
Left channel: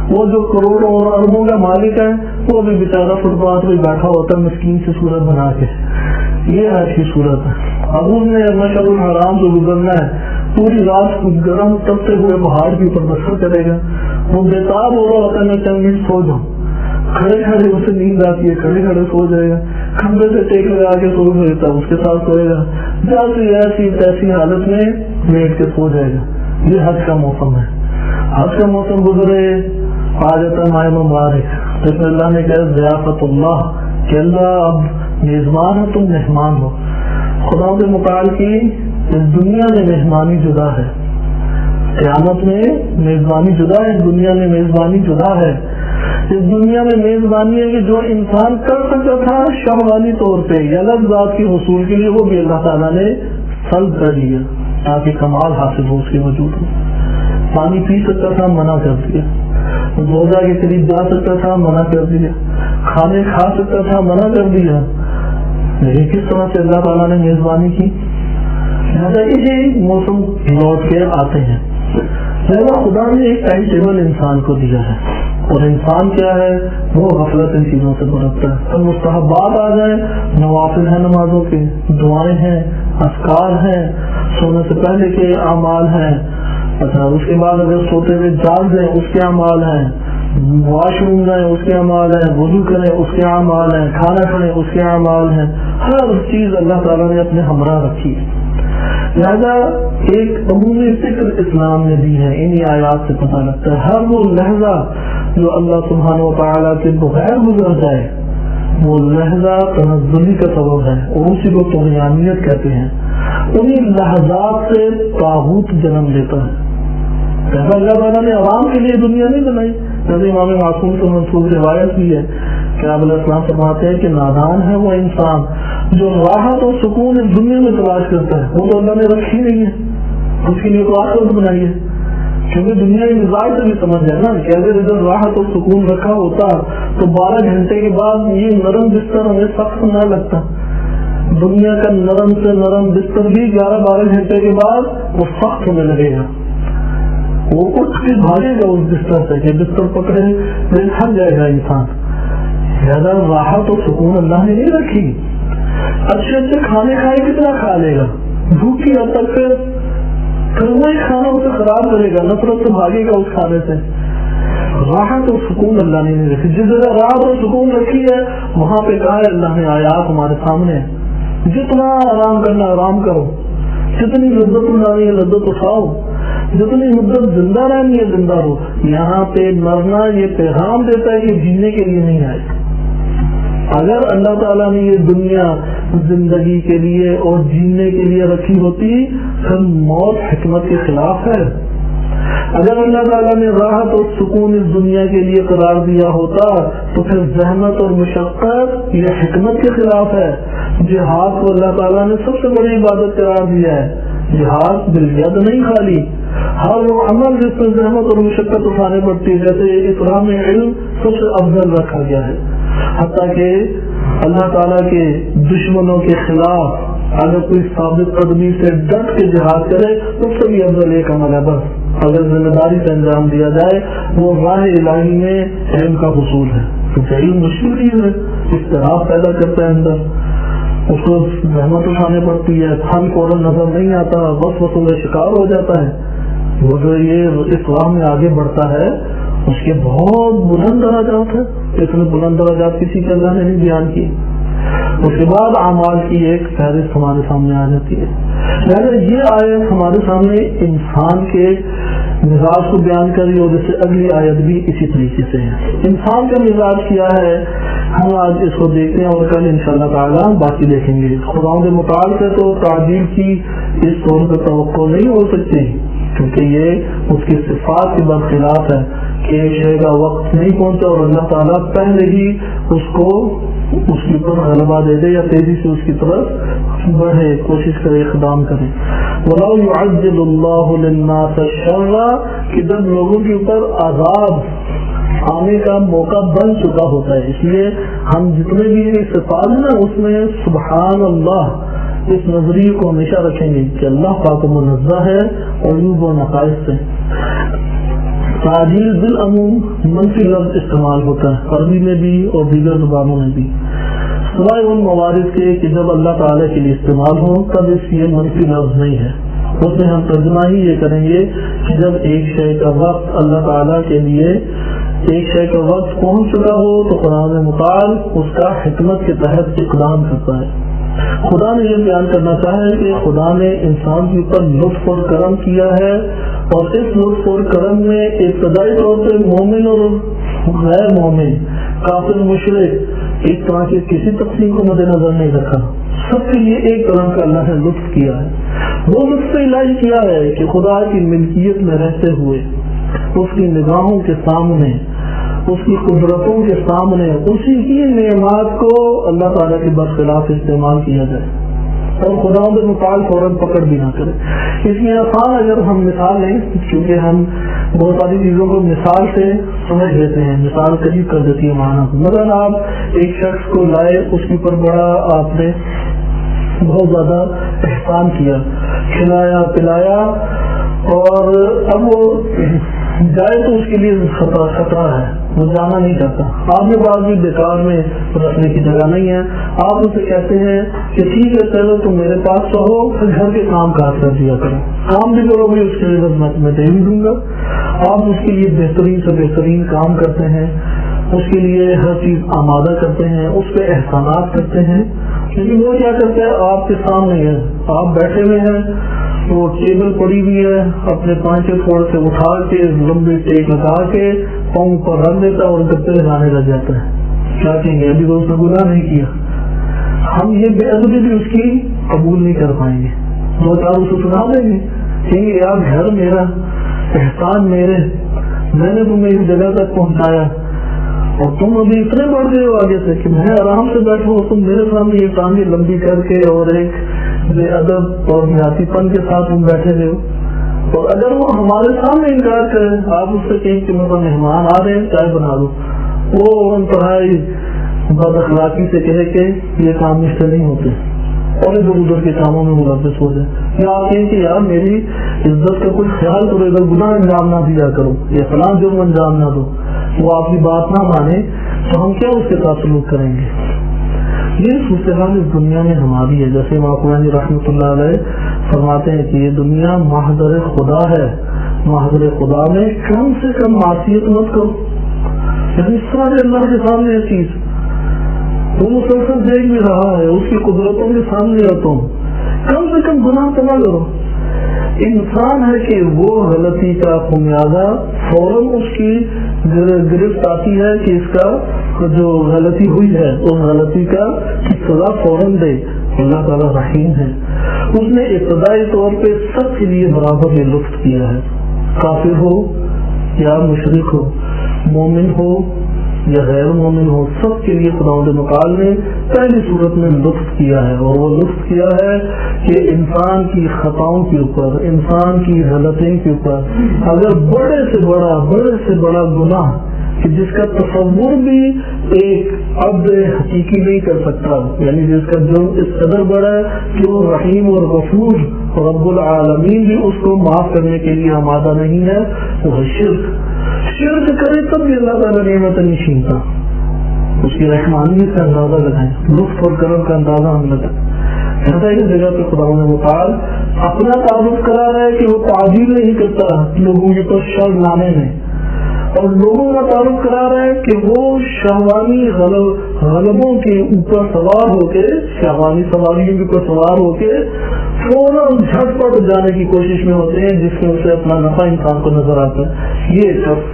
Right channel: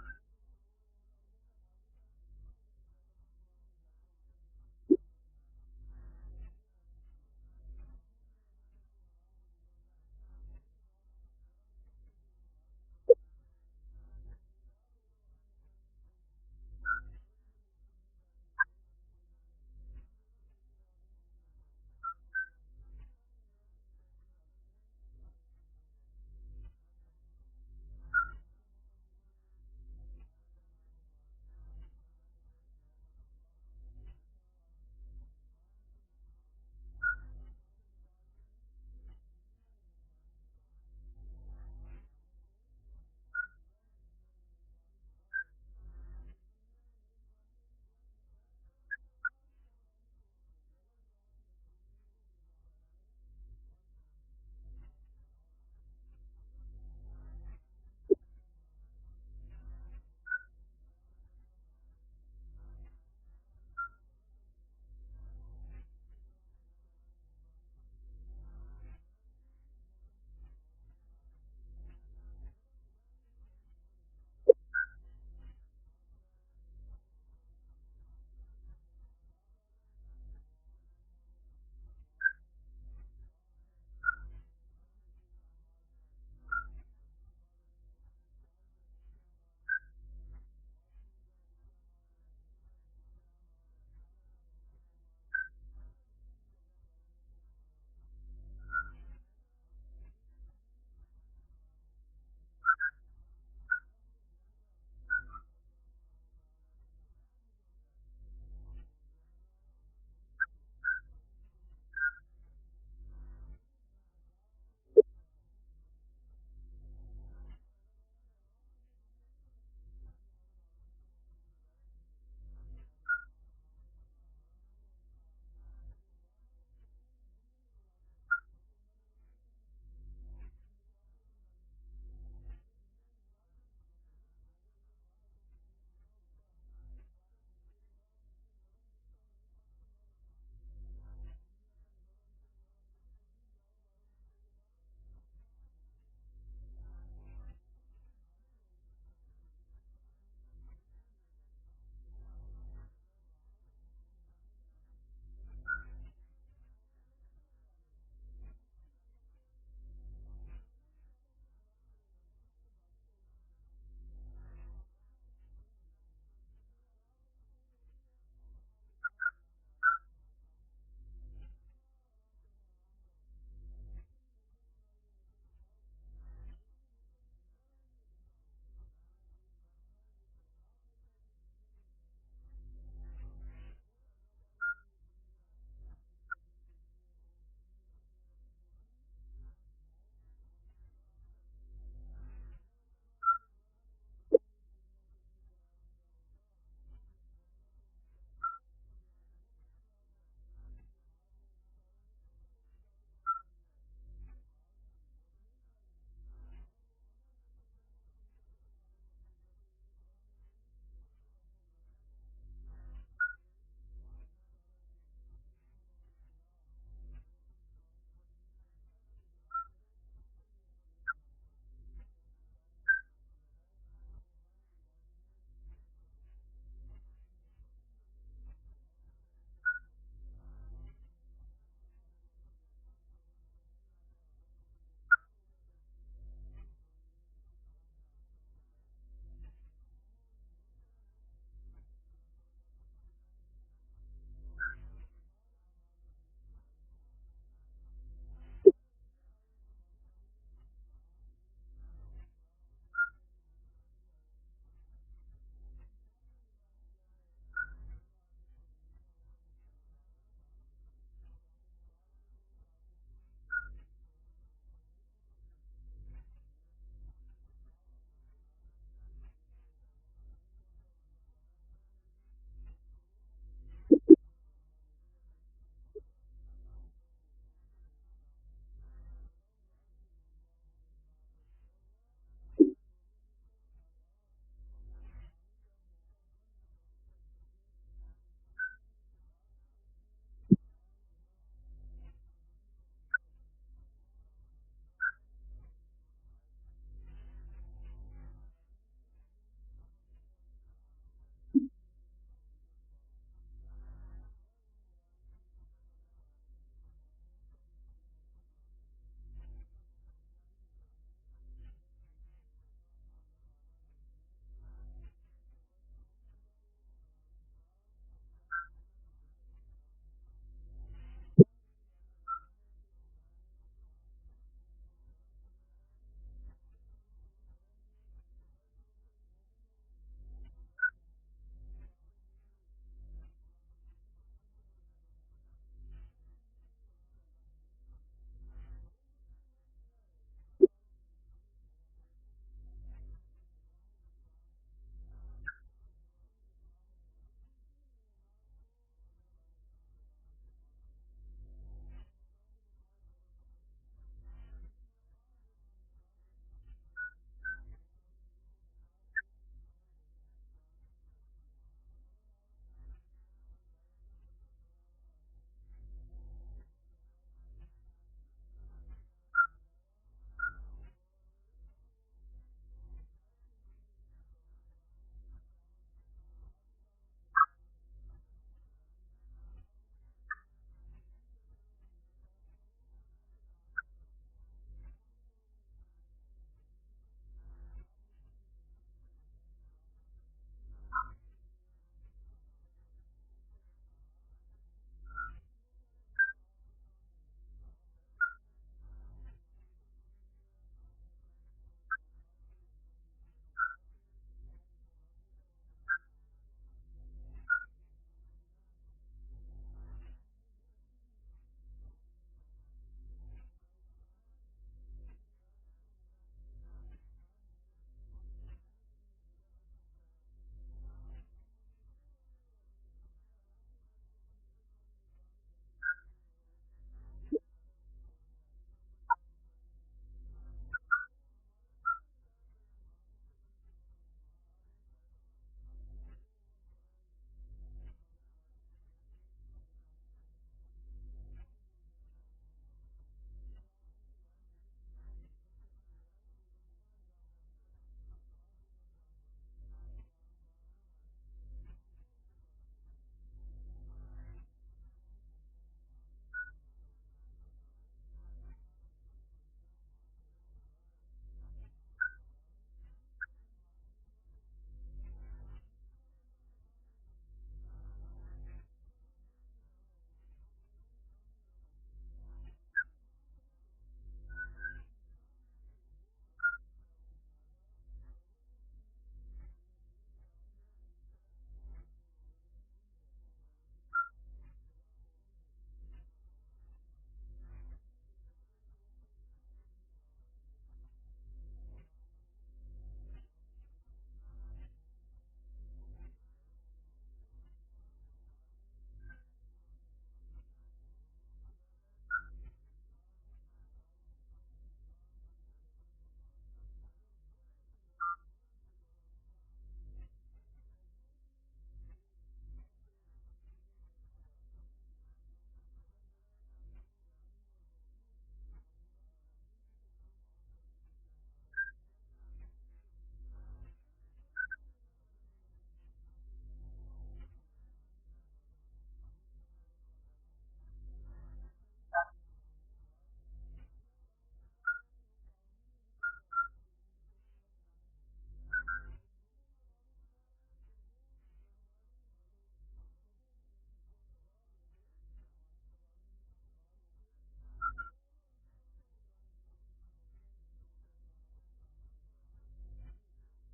وہ جو کروڑوں اور اربوں کا مالک ہے وہ بھی بیچارہ فٹ پاتھ پہ بیٹھا ہوتا ہے مسکین سے صورت بنا کے۔ یہ ایسی صورت ہے۔ ابو نے مشعر الحرام سے گزرنا ہے، پوری رات گرم تپتے ہوئے پہاڑ کے اوپر بسر کرے گا، وہ بےتاب ہو رہا ہوتا ہے میں چند منٹ سو جاؤں، کھڑے کھڑے اسے نیند آتی ہے، کھڑے کھڑے سو جائے گا، کھمبے سے ٹیک لگا کے سو لیتا ہے، اس کے ساتھ سوئے گا، جیسی ایسی تیسی حالت میں لیٹ کے سو جائے گا۔ یہ حج کا موسم ہے۔ حج کا موسم گزرے، آ جاتا ہے ماہ مبارک، جس میں اللہ نے کہا ضیافت اللہ، کہ اللہ اب میزبان ہو، تم مہمان ہو۔ خدا کے متعال کی اس دنیا میں میزبانی جدا ہے، قیامت میں میزبانی جدا ہے، اس دنیا میں میزبانی جدا ہے۔ اس دنیا میں میزبانی ہے کہ جو انسان کر سکتا تھا شہوانی طور پہ یا لذ ذات کے حصول کے لیے، وہ بھی اللہ تعالیٰ نے سلب کر دیا تاکہ کمال حاصل ہو اس کے وجود میں۔ پانی پی سکتا تھا، منع کر دیا۔ روزہ کے قریب جا سکتا تھا، منع کر دیا۔ کھانے کھا سکتا تھا، منع کر دیا۔ لیکن کس طرح سے اللہ تعالیٰ نے میزبانی کی؟ لہٰذا اسی موسم لوٹ کے آتے ہیں۔ لہٰذا خدا نے ایک ٹائم ٹیبل انسان کو دیا ہے، اور انسان کیا ہے، وہ غفلت ان چیزوں سے برتتا ہے۔ تو مستحبات آ جائیں، نوافل ہیں نمازوں کے، دعائیں ہیں، اذکار ہیں، سونے سے پہلے کے اعمال ہیں، اچھا اس کے بعد اگر سوتے ہوئے جاگ جائیں اس کے اعمال ہیں، واش روم جائیں اس کے اعمال ہیں، وضو کریں اس کے اعمال ہیں، کھانا کھائیں اس کے اعمال ہیں۔ ہر چیز اللہ تعالیٰ نے اپنے ہمراہ رکھی ہے۔ لہذا ایک عمومی فکر اسلام نے دی ہے، انہی آیات سے پتہ لگتا ہے۔ ہر وہ لہجہ جو اللہ سبحانہ و تعالیٰ کے بغیر گزر جائے، وہ لہجہ تنزلی کا سبب ہے، اور اسی کو طغیانیت کہتے ہیں۔ انہی لحظات سے طاغوت جنم لیتا ہے۔ ایسا اللہ تعالیٰ نے عوام کے لیے دنیا نہیں بنائی، جیسے امام معصوم سے منسوب روایت بھی ہے کہ آپ علیہ السلام فرماتے ہیں کہ نادان ہے وہ انسان جو راحت اور سکون اس دنیا میں تلاش کرتا ہے، وہ تو اللہ نے رکھی نہیں ہے، اس کے لیے تو آخرت بنائی ہے۔ کیونکہ دنیا کے مزاج سے بھی سمجھ جائے نا کہ اگر ادھر راحت اور سکون رکھا ہوتا تو 12 گھنٹے کے بعد یہ نرم بستر ہمیں سخت نہ لگتا۔ دنیا کا نرم سے نرم بستر بھی 11-12 گھنٹے کے بعد وہ سخت ہونے لگے گا، وہ اٹھ کے بھاگے گا اس بستر سے کہ بستر پکڑے پھر تھک جائے گا انسان۔ زیادہ راحت اور سکون اللہ نے نہیں رکھی۔ اچھے اچھے کھانے کھائے کتنا کھا لے گا، بھوکی حد تک پھر وہی کھانا اسے خراب کرے گا، نفرت سے بھاگے گا اس کھانے سے۔ راحت اور سکون اللہ نے نہیں رکھی۔ جس جگہ راحت اور سکون رکھی ہے وہاں پہ کہا ہے اللہ نے، آیات ہمارے سامنے ہے، جتنا آرام کرنا آرام کرو، جتنی لذت اٹھانی ہے لذت اٹھاؤ، جتنی مدت زندہ رہنی ہے زندہ رہو۔ یہاں پہ مرنا یہ پیغام دیتا ہے کہ جینے کے لیے نہیں آئے۔ اگر اللہ تعالیٰ نے یہ دنیا زندگی کے لیے اور جینے کے لیے رکھی ہوتی پھر موت حکمت کے خلاف ہے۔ اگر اللہ تعالیٰ نے راحت اور سکون اس دنیا کے لیے قرار دیا ہوتا تو پھر زحمت اور مشقت یہ حکمت کے خلاف ہے۔ جہاد کو اللہ تعالیٰ نے سب سے بڑی عبادت قرار دیا ہے۔ جہاد بالید نہیں خالی، ہر وہ عمل جس میں زحمت اور مشقت اٹھانے پڑتی ہے، جیسے اسلام میں علم سب سے افضل رکھا گیا ہے، حتیٰ کہ اللہ تعالیٰ کے دشمنوں کے خلاف اگر کوئی ثابت قدمی سے ڈٹ کے جہاد کرے تو اس سے بھی افضل ایک عمل ہے، بس اگر ذمہ داری سے انجام دیا جائے وہ راہ الہی میں علم کا حصول ہے۔ کیونکہ علم مشکل چیز ہے، اضطراب پیدا کرتا ہے اندر، اس کو زحمت اٹھانے پڑتی ہے، پھل فوراً نظر نہیں آتا، وسوسوں کا شکار ہو جاتا ہے۔ وہ جو یہ اس راہ میں آگے بڑھتا ہے اس کے بہت بلند درجات ہیں، اتنے بلند درجات کسی کے اللہ نے نہیں بیان کی۔ اس کے بعد اعمال کی ایک فہرست ہمارے سامنے آ جاتی ہے۔ لہٰذا یہ آیت ہمارے سامنے انسان کے مزاج کو بیان کری، اور جیسے اگلی آیت بھی اسی طریقے سے ہے۔ انسان کا مزاج کیا ہے ہم آج اس کو دیکھتے ہیں اور کل انشاءاللہ تعالیٰ باقی دیکھیں گے۔ خداوند متعال سے تو تعجیل کی اس طور پر توقع نہیں ہو سکتی، کیونکہ یہ اس کی صفات کے برخلاف ہے کہ ایک شے کا وقت نہیں پہنچا اور اللہ تعالیٰ پہلے ہی اس کو اس کے اوپر غلبہ دے دے یا تیزی سے اس کی طرف بڑھے، کوشش کرے، اقدام کرے۔ وَلَوْ يُعَجِّلُ اللَّهُ لِلنَّاسَ الشَّرَّ کہ جب لوگوں کے اوپر عذاب آنے کا موقع بن چکا ہوتا ہے، اس لیے ہم جتنے بھی صفات ہیں نا اس میں سبحان اللہ اس نظریے کو ہمیشہ رکھیں گے کہ اللہ پاک منزہ ہے عیوب و نقائص سے۔ تعجیل بالعموم منفی لفظ استعمال ہوتا ہے عربی میں بھی اور دیگر زبانوں میں بھی، سوائے ان موارد کے کہ جب اللہ تعالیٰ کے لیے استعمال ہو تب اس یہ منفی لفظ نہیں ہے۔ اس میں ہم ترجمہ ہی یہ کریں گے کہ جب ایک شے کا وقت اللہ تعالیٰ کے لیے ایک شے کا وقت پہنچ چکا ہو تو قرآن مطال اس کا حکمت کے تحت اقدام کرتا ہے۔ خدا نے یہ بیان کرنا چاہا ہے کہ خدا نے انسان کے اوپر لطف اور کرم کیا ہے، اور اس لطف اور کرم میں ابتدائی طور پہ مومن اور غیر مومن، کافر مشرک ایک طرح کی کسی تقسیم کو مد نظر نہیں رکھا، سب کے لیے ایک طرح کا اللہ نے لطف کیا ہے۔ وہ لطف الہی کیا ہے کہ خدا کی ملکیت میں رہتے ہوئے اس کی نگاہوں کے سامنے، اس کی قدرتوں کے سامنے اسی کی نعمات کو اللہ تعالیٰ کے برخلاف استعمال کیا جائے اور خدا کے مقال فوراً پکڑ بھی نہ کرے۔ اس میں آسان اگر ہم مثال لیں، کیونکہ ہم بہت ساری چیزوں کو مثال سے سمجھ لیتے ہیں، مثال قریب کر دیتی ہے معنی کو۔ مثلا آپ ایک شخص کو لائے، اس کے اوپر بڑا آپ نے بہت زیادہ احسان کیا، کھلایا پلایا، اور اب وہ جائے تو اس کے لیے خطرہ ہے، وہ جانا نہیں چاہتا۔ آپ کے پاس بھی بیکار میں رکھنے کی جگہ نہیں ہے، آپ اسے کہتے ہیں کہ ٹھیک ہے چلو تم میرے پاس رہو، گھر کے کام کاج کر دیا کرو، کام بھی کرو بھی اس کے لیے میں دے بھی دوں گا۔ آپ اس کے لیے بہترین سے بہترین کام کرتے ہیں، اس کے لیے ہر چیز آمادہ کرتے ہیں، اس پہ احسانات کرتے ہیں، لیکن وہ کیا کرتا ہے آپ کے سامنے ہے، آپ بیٹھے ہوئے ہیں، وہ ٹیبل پڑی ہوئی ہے، اپنے پانچے پھوڑ سے اٹھا کے لمبی ٹیک لگا کے پاؤں پر رکھ دیتا اور گپے لگانے لگ جاتا ہے۔ کیا کہیں گے ابھی تو اس نے گناہ نہیں کیا۔ ہم یہ بے ادبی بھی اس کی قبول نہیں کر پائیں گے، دو چار اسے سنا دیں گے، کہیں گے یار گھر میرا، احسان میرے، میں نے تمہیں اس جگہ تک پہنچایا اور تم ابھی اتنے بڑھ گئے ہو آگے سے کہ میں آرام سے بیٹھوں، تم میرے سامنے یہ ٹانگیں لمبی کر کے اور ایک بے ادب اور نیاتی پن کے ساتھ تم بیٹھے ہوئے ہو۔ اور اگر وہ ہمارے سامنے انکار کرے، آپ اس سے کہیں کہ میرے مہمان آ رہے ہیں چائے بنا دو، وہ انتہائی بد اخلاقی سے کہے کہ یہ کام اس سے نہیں ہوتے اور ادھر ادھر کے کاموں میں ملوث ہو جائے، یا آپ کہیں کہ یار میری عزت کا کوئی خیال کرو، ادھر گناہ انجام نہ دیا کرو یا فلاں جرم انجام نہ دو، وہ آپ کی بات نہ مانے تو ہم کیا اس کے ساتھ سلوک کریں گے؟ یہ صورتحال اس دنیا میں ہماری ہے۔ جیسے امام رحمۃ اللہ علیہ فرماتے ہیں کہ یہ دنیا محضر خدا ہے، محضر خدا میں کم سے کم معصیت مت کرو، یعنی سارے اللہ کے سامنے یہ چیز وہ مسلسل دیکھ بھی رہا ہے، اس کی قدرتوں کے سامنے ہو، تم کم سے کم گناہ تو نہ کرو۔ انسان ہے کہ وہ غلطی کا خمیازہ فوراً اس کی گرفت آتی ہے کہ اس کا جو غلطی ہوئی ہے اس غلطی کا سزا فوراً دے۔ اللہ تعالیٰ رحیم ہے، اس نے ابتدائی طور پہ سب کے لیے برابر یہ لطف کیا ہے، کافر ہو یا مشرک ہو، مومن ہو یا غیر مومن ہو، سب کے لیے خداوند متعال نے پہلی صورت میں لطف کیا ہے، اور وہ لطف کیا ہے کہ انسان کی خطاؤں کے اوپر، انسان کی غلطیوں کے اوپر اگر بڑے سے بڑا گناہ کہ جس کا تصور بھی ایک عبد حقیقی نہیں کر سکتا، یعنی جس کا جرم اس قدر بڑا ہے کہ وہ رحیم اور غفور رب العالمین بھی اس کو معاف کرنے کے لیے آمادہ نہیں ہے، وہ ہے شرک کرے تب بھی اللہ تعالیٰ نعمت نہیں چھینتا، اس کی رحمانیت کا اندازہ لگائیں، لطف اور کرم کا اندازہ ہم لگائیں۔ ایسا ایک جگہ پہ خداوند متعال اپنا تعارف کرا رہا ہے کہ وہ تعجیل نہیں کرتا لوگوں کے پاس شر لانے میں، اور لوگوں کا تعارف کرا رہا ہے کہ وہ شہوانی غلبوں کے اوپر سوار ہو کے، شہوانی سواریوں کے اوپر سوار ہو کے فوراً جھٹ پٹ جانے کی کوشش میں ہوتے ہیں، جس میں اسے اپنا نفع انسان کو نظر آتا ہے۔ یہ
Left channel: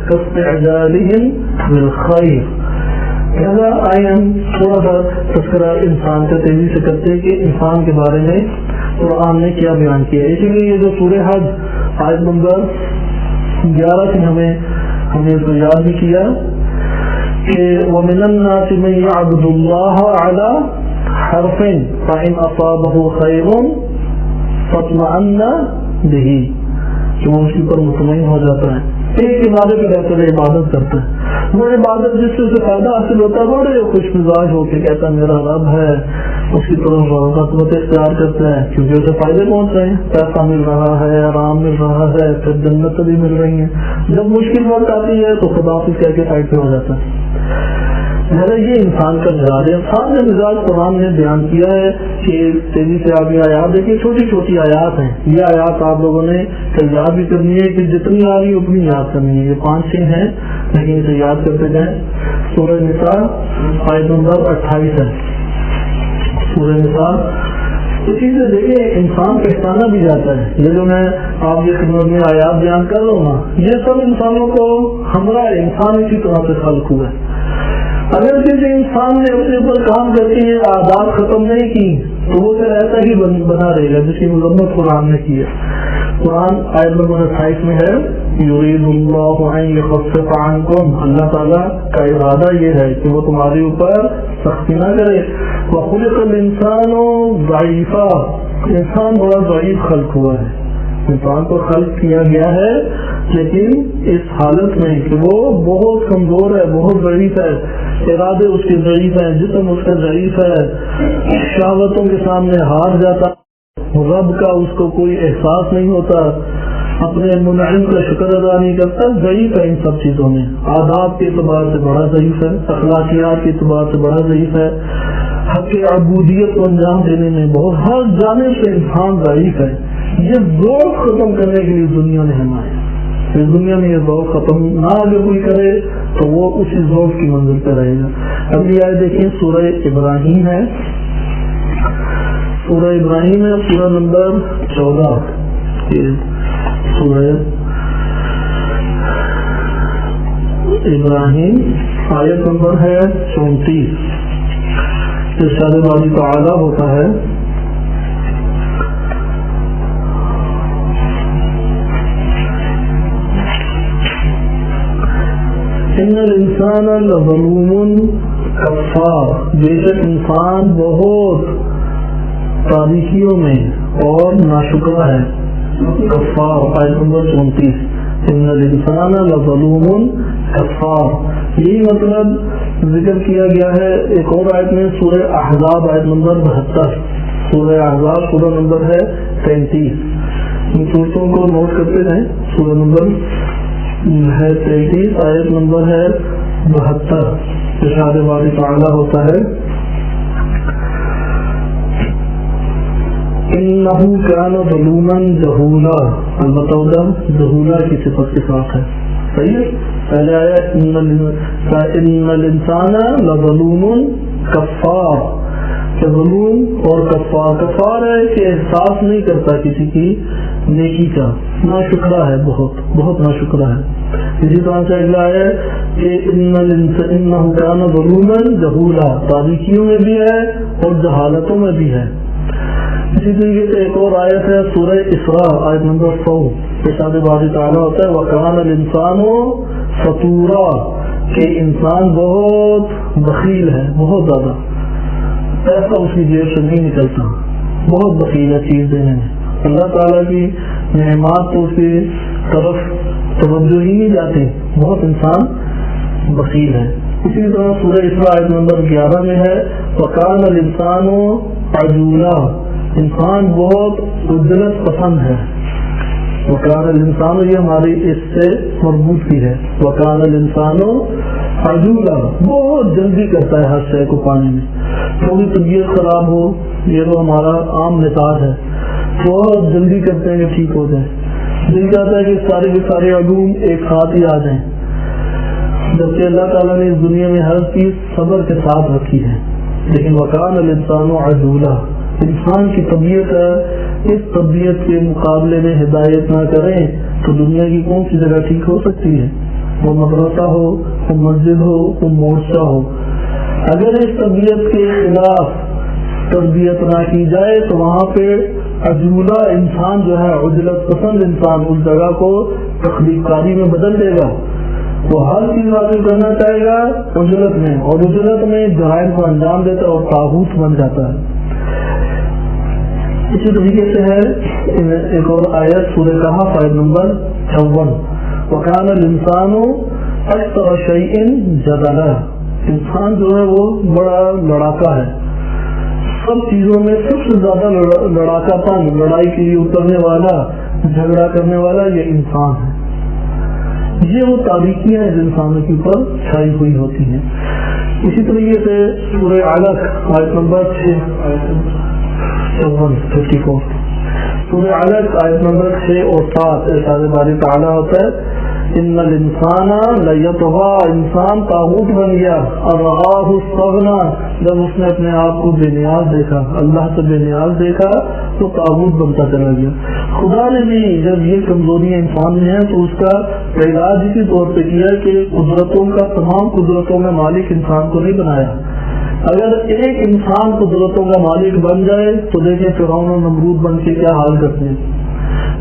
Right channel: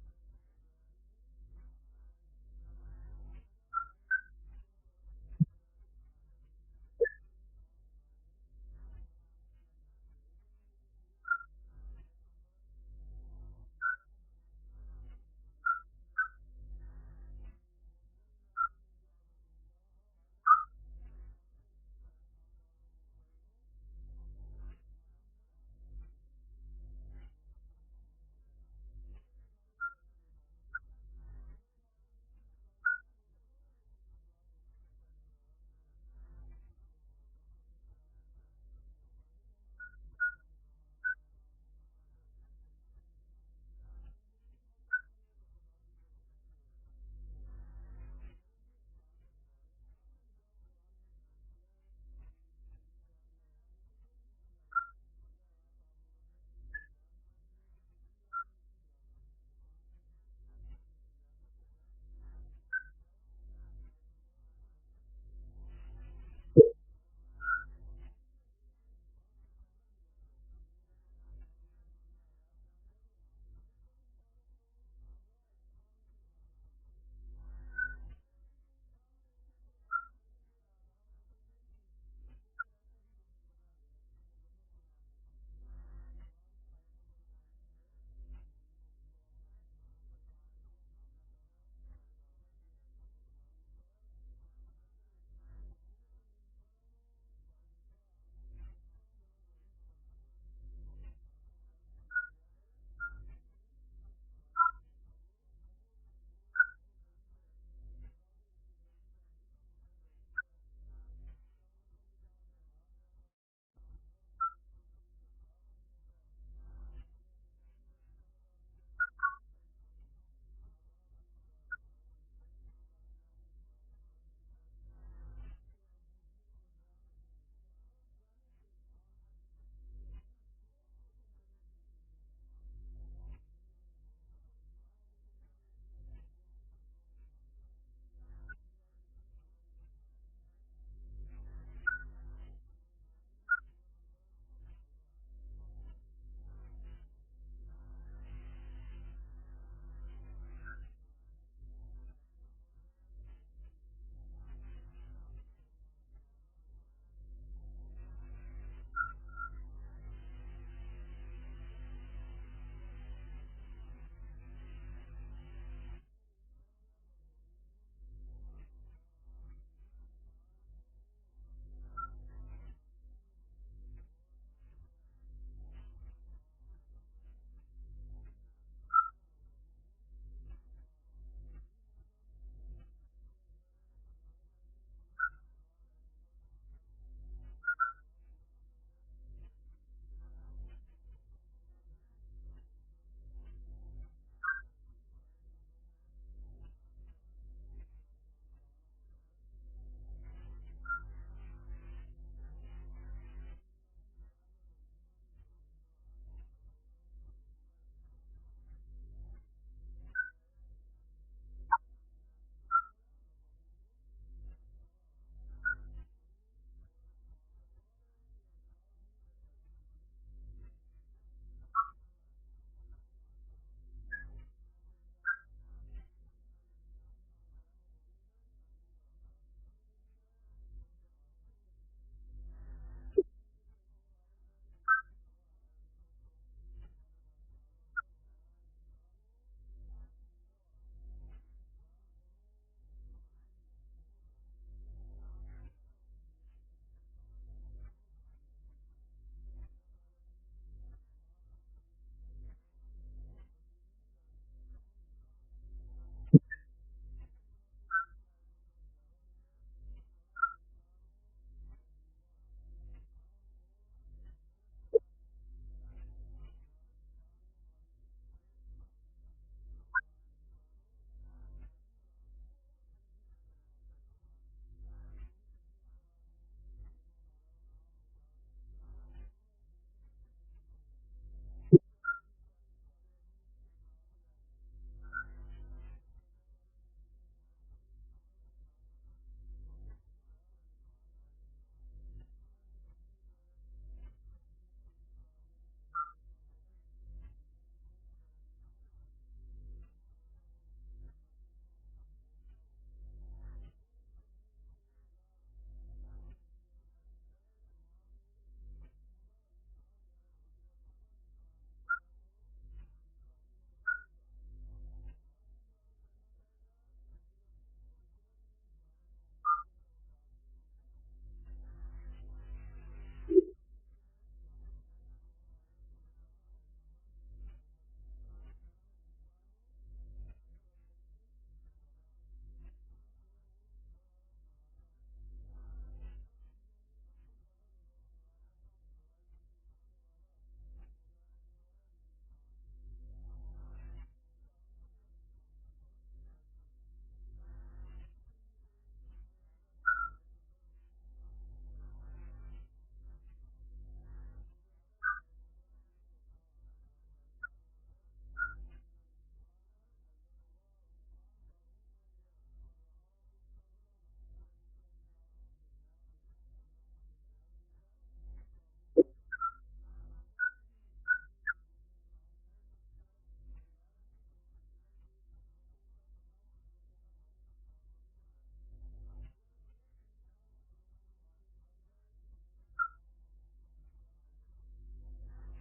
کسب اعجالہم بالخیر۔ آئے ہم تھوڑا سا تذکرہ انسان کا تیزی سے کرتے ہیں کہ انسان کے بارے میں قرآن نے کیا بیان کیا ہے۔ اسی لیے یہ جو سورہ حج آیت نمبر 11 سے ہمیں اس کو یاد بھی کیا کہ وَمِنَ النَّاسِ مَن يَعْبُدُ اللَّهَ عَلَى حَرْفٍ فَإِنْ أَصَابَهُ خَيْرٌ فَاطْمَأَنَّ بِهِ، کہ وہ اس کے اوپر مطمئن ہو جاتا ہے، ایک عبادت پہ رہتے ہوئے عبادت کرتا ہے، وہ عبادت جس سے اسے فائدہ حاصل ہوتا ہے بڑے خوش مزاج ہو کے کہتا ہے میرا رب ہے، اس کی طرف رغبت اختیار کرتا ہے کیونکہ اسے فائدے پہنچ رہے ہیں، پیسہ مل رہا ہے، آرام مل رہا ہے، پھر جنت بھی مل رہی ہیں۔ جب مشکل وقت آتی ہے تو خدا حافظ کہہ کے سائڈ پہ ہو جاتا ہے۔ یہ انسان کا مزاج ہے۔ انسان کا مزاج قرآن نے بیان کیا ہے کہ تیزی سے آپ یہ آیات دیکھیں، چھوٹی چھوٹی آیات ہیں، یہ آیات آپ لوگوں نے یاد بھی کرنی ہے کہ جتنی آ رہی اتنی یاد کرنی ہے، یہ 5-6 ہیں لیکن اسے یاد کرتے جائیں۔ سورہ نساء آیت نمبر 28 ہے، سورہ نساء۔ اسی سے دیکھیں انسان پہچانا بھی جاتا ہے، یہ جو میں آپ کی خدمت میں آیات بیان کر رہا ہوں نا، یہ سب انسانوں کو ہمراہ انسان اسی طرح سے خلق ہوا ہے۔ اگر کسی انسان نے اپنے اوپر کام کر کے یہ عادات ختم نہیں کی تو وہ پھر ایسا ہی بنا رہے گا جس کی مذمت قرآن نے کی ہے. قرآن آیت نمبر 28 میں ہے یرید اللہ ان یخفف عنکم، اللہ تعالیٰ کا ارادہ یہ ہے کہ وہ تمہارے اوپر سختی نہ کرے. وخلق الانسان ضعیفا، انسان بڑا ضعیف خلق ہوا ہے. انسان کو خلق کیا گیا ہے لیکن اس حالت میں کہ وہ بہت کمزور ہے، بہت ضعیف ہے. ارادے اس کے ضعیف ہیں، جسم اس کا ضعیف ہے، شہوتوں کے سامنے ہار جاتا، رب کا اس کو کوئی احساس نہیں ہوتا، اپنے منعم کا شکر ادا نہیں کرتا. ضعیف ہے ان سب چیزوں میں. آداب کے اعتبار سے بڑا ضعیف ہے، اخلاقیات کے اعتبار سے بڑا ضعیف ہے، حق عبودیت کو انجام دینے میں بہت ہر جانب سے انسان ضعیف ہے. یہ ذوق ختم کرنے کے لیے دنیا نے ہمیں اس دنیا میں یہ ذوق ختم نہ اگر کوئی کرے تو وہ اسی ذوق کی منزل پہ رہے گا. اگلی آیت دیکھیں، سورہ ابراہیم ہے. سورہ ابراہیم ہے، سورہ نمبر 14. سورہ ابراہیم آیت نمبر ہے 34. ارشاد باری تعالیٰ ہوتا ہے ان الانسان لظلوم کفار، بے شک انسان بہت تاریکیوں میں اور ناشکرا ہے. کفار آیت نمبر 34. ان الانسان لظلوم کفار، یہی مطلب ذکر کیا گیا ہے ایک اور آیت میں، سورہ احزاب آیت نمبر 72. سورہ احزاب سورہ نمبر ہے 33. ان صورتوں کو نوٹ کرتے رہیں. سورہ نمبر ہے 33، آیت نمبر ہے 72. ارشاد باری تعالیٰ ہوتا ہے انہ کان ظلوما جہولا، البتہ ادھر جہولا کی صفت کے ساتھ ہے. صحیح ہے. پہلے آیا ان الانسان لظلوم کفار، کہ ظلم اور کفار ہے کہ احساس نہیں کرتا کسی کی نیکی کا، ناشکرا ہے، بہت بہت ناشکرا ہے. اسی طرح سے اگلا ہے کہ انہ کان ظلوما جہولا، تاریکیوں میں بھی ہے اور جہالتوں میں بھی ہے. اسی طریقے سے ایک اور آیت ہے سورہ اسراء آیت نمبر 100. ارشاد باری تعالیٰ ہوتا ہے وَكَانَ الْإِنسَانُ فَتُورًا، کہ انسان بہت بخیل ہے، بہت زیادہ، پیسہ اس کی جیب سے نہیں نکلتا، بہت بخیل ہے چیز دینے میں. اللہ تعالیٰ کی نعمات تو اس کی طرف توجہ ہی نہیں جاتی، بہت انسان بخیل ہے. اسی طرح سورہ اسراء آیت نمبر 11 میں ہے وَكَانَ الْإِنسَانُ عَجُولًا، انسان بہت عجلت پسند ہے. وَكَانَ الْإِنسَانُ، یہ ہماری اس سے مربوط بھی ہے. وَكَانَ الْإِنسَانُ عَجُولًا، بہت جلدی کرتا ہے ہر شے کو پانے میں. تھوڑی طبیعت خراب ہو، یہ تو ہمارا عام مزاج ہے، بہت جلدی کرتے ہیں کہ ٹھیک ہو جائے. دل چاہتا ہے کہ سارے کے سارے علوم ایک ساتھ ہی آ جائیں، جبکہ اللہ تعالیٰ نے اس دنیا میں ہر چیز صبر کے ساتھ رکھی ہے. لیکن وَكَانَ الْإِنسَانُ عَجُولًا، انسان کی طبیعت ہے، اس طبیعت کے مقابلے میں ہدایت نہ کریں تو دنیا کی کون سی جگہ ٹھیک ہو سکتی ہے؟ وہ مدرسہ ہو، وہ مسجد ہو، وہ مورچہ ہو. اگر اس طبیعت کے خلاف تربیت نہ کی جائے تو وہاں پہ عجولہ انسان جو ہے، عجلت پسند انسان، اس جگہ کو تخلیق کاری میں بدل دے گا. وہ ہر چیز حاصل کرنا چاہے گا عجلت میں، اور عجلت میں جرائم کو انجام دیتا ہے اور طاغوت بن جاتا ہے. اسی طریقے سے ہے ایک اور آیت سورہ کہف آیت نمبر 56 وَكَانَ الْإِنسَانُ أَكْثَرَ شَيْءٍ جَدَلًا، انسان جو ہے وہ بڑا لڑاکا ہے، سب چیزوں میں سب سے زیادہ لڑاکا پن، لڑائی کے لیے اترنے والا، جھگڑا کرنے والا یہ انسان ہے. یہ وہ تاریکیاں ہیں جو انسانوں کے اوپر چھائی ہوئی ہوتی ہیں. اسی طریقے سے سورہ علق آیت نمبر 54 سورہ علق آیت نمبر 6 اور 7 ارشاد باری تعالیٰ ہوتا ہے ان الانسان لیطغی، انسان طاغوت بن گیا، ارآہ استغنی، جب اس نے اپنے آپ کو بے نیاز دیکھا، اللہ سے بے نیاز دیکھا تو طاغوت بنتا چلا گیا. خدا نے بھی جب یہ کمزوریاں انسان میں ہیں تو اس کا علاج اسی طور پہ کیا کہ قدرتوں کا، تمام قدرتوں میں مالک انسان کو نہیں بنایا اگر ایک انسان قدرتوں کا مالک بن جائے تو دیکھیں فرعون اور نمرود بن کے کیا حال کرتے ہیں.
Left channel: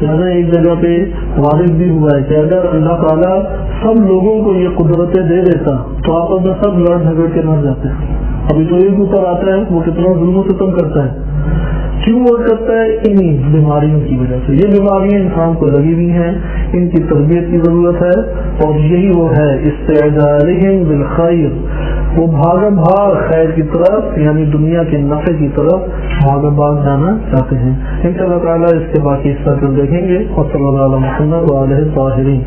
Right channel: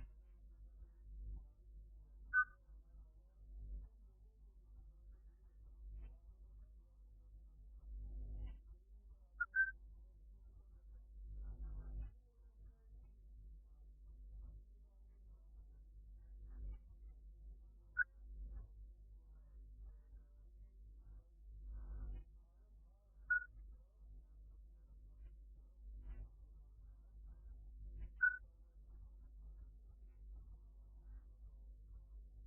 لہٰذا ایک جگہ پہ وارد بھی ہوا ہے کہ اگر اللہ تعالیٰ سب لوگوں کو یہ قدرتیں دے دیتا تو آپس میں سب لڑ جھگڑ کے مر جاتے. ابھی تو ایک اوپر آتا ہے وہ کتنا ظلم و ستم کرتا ہے. کیوں وہ کرتا ہے؟ انہی بیماریوں کی وجہ سے. یہ بیماریاں انسان کو لگی ہوئی ہیں, ان کی تربیت کی ضرورت ہے. اور یہی وہ ہے استعجالہم بالخیر, وہ بھاگا بھاگ خیر کی طرف یعنی دنیا کے نفع کی طرف بھاگا بھاگ جانا چاہتے ہیں. انشاءاللہ تعالیٰ اس کے باقی حصہ کل دیکھیں گے. اور صلی اللہ علیہ وسلم وعلیہ الطاہرین.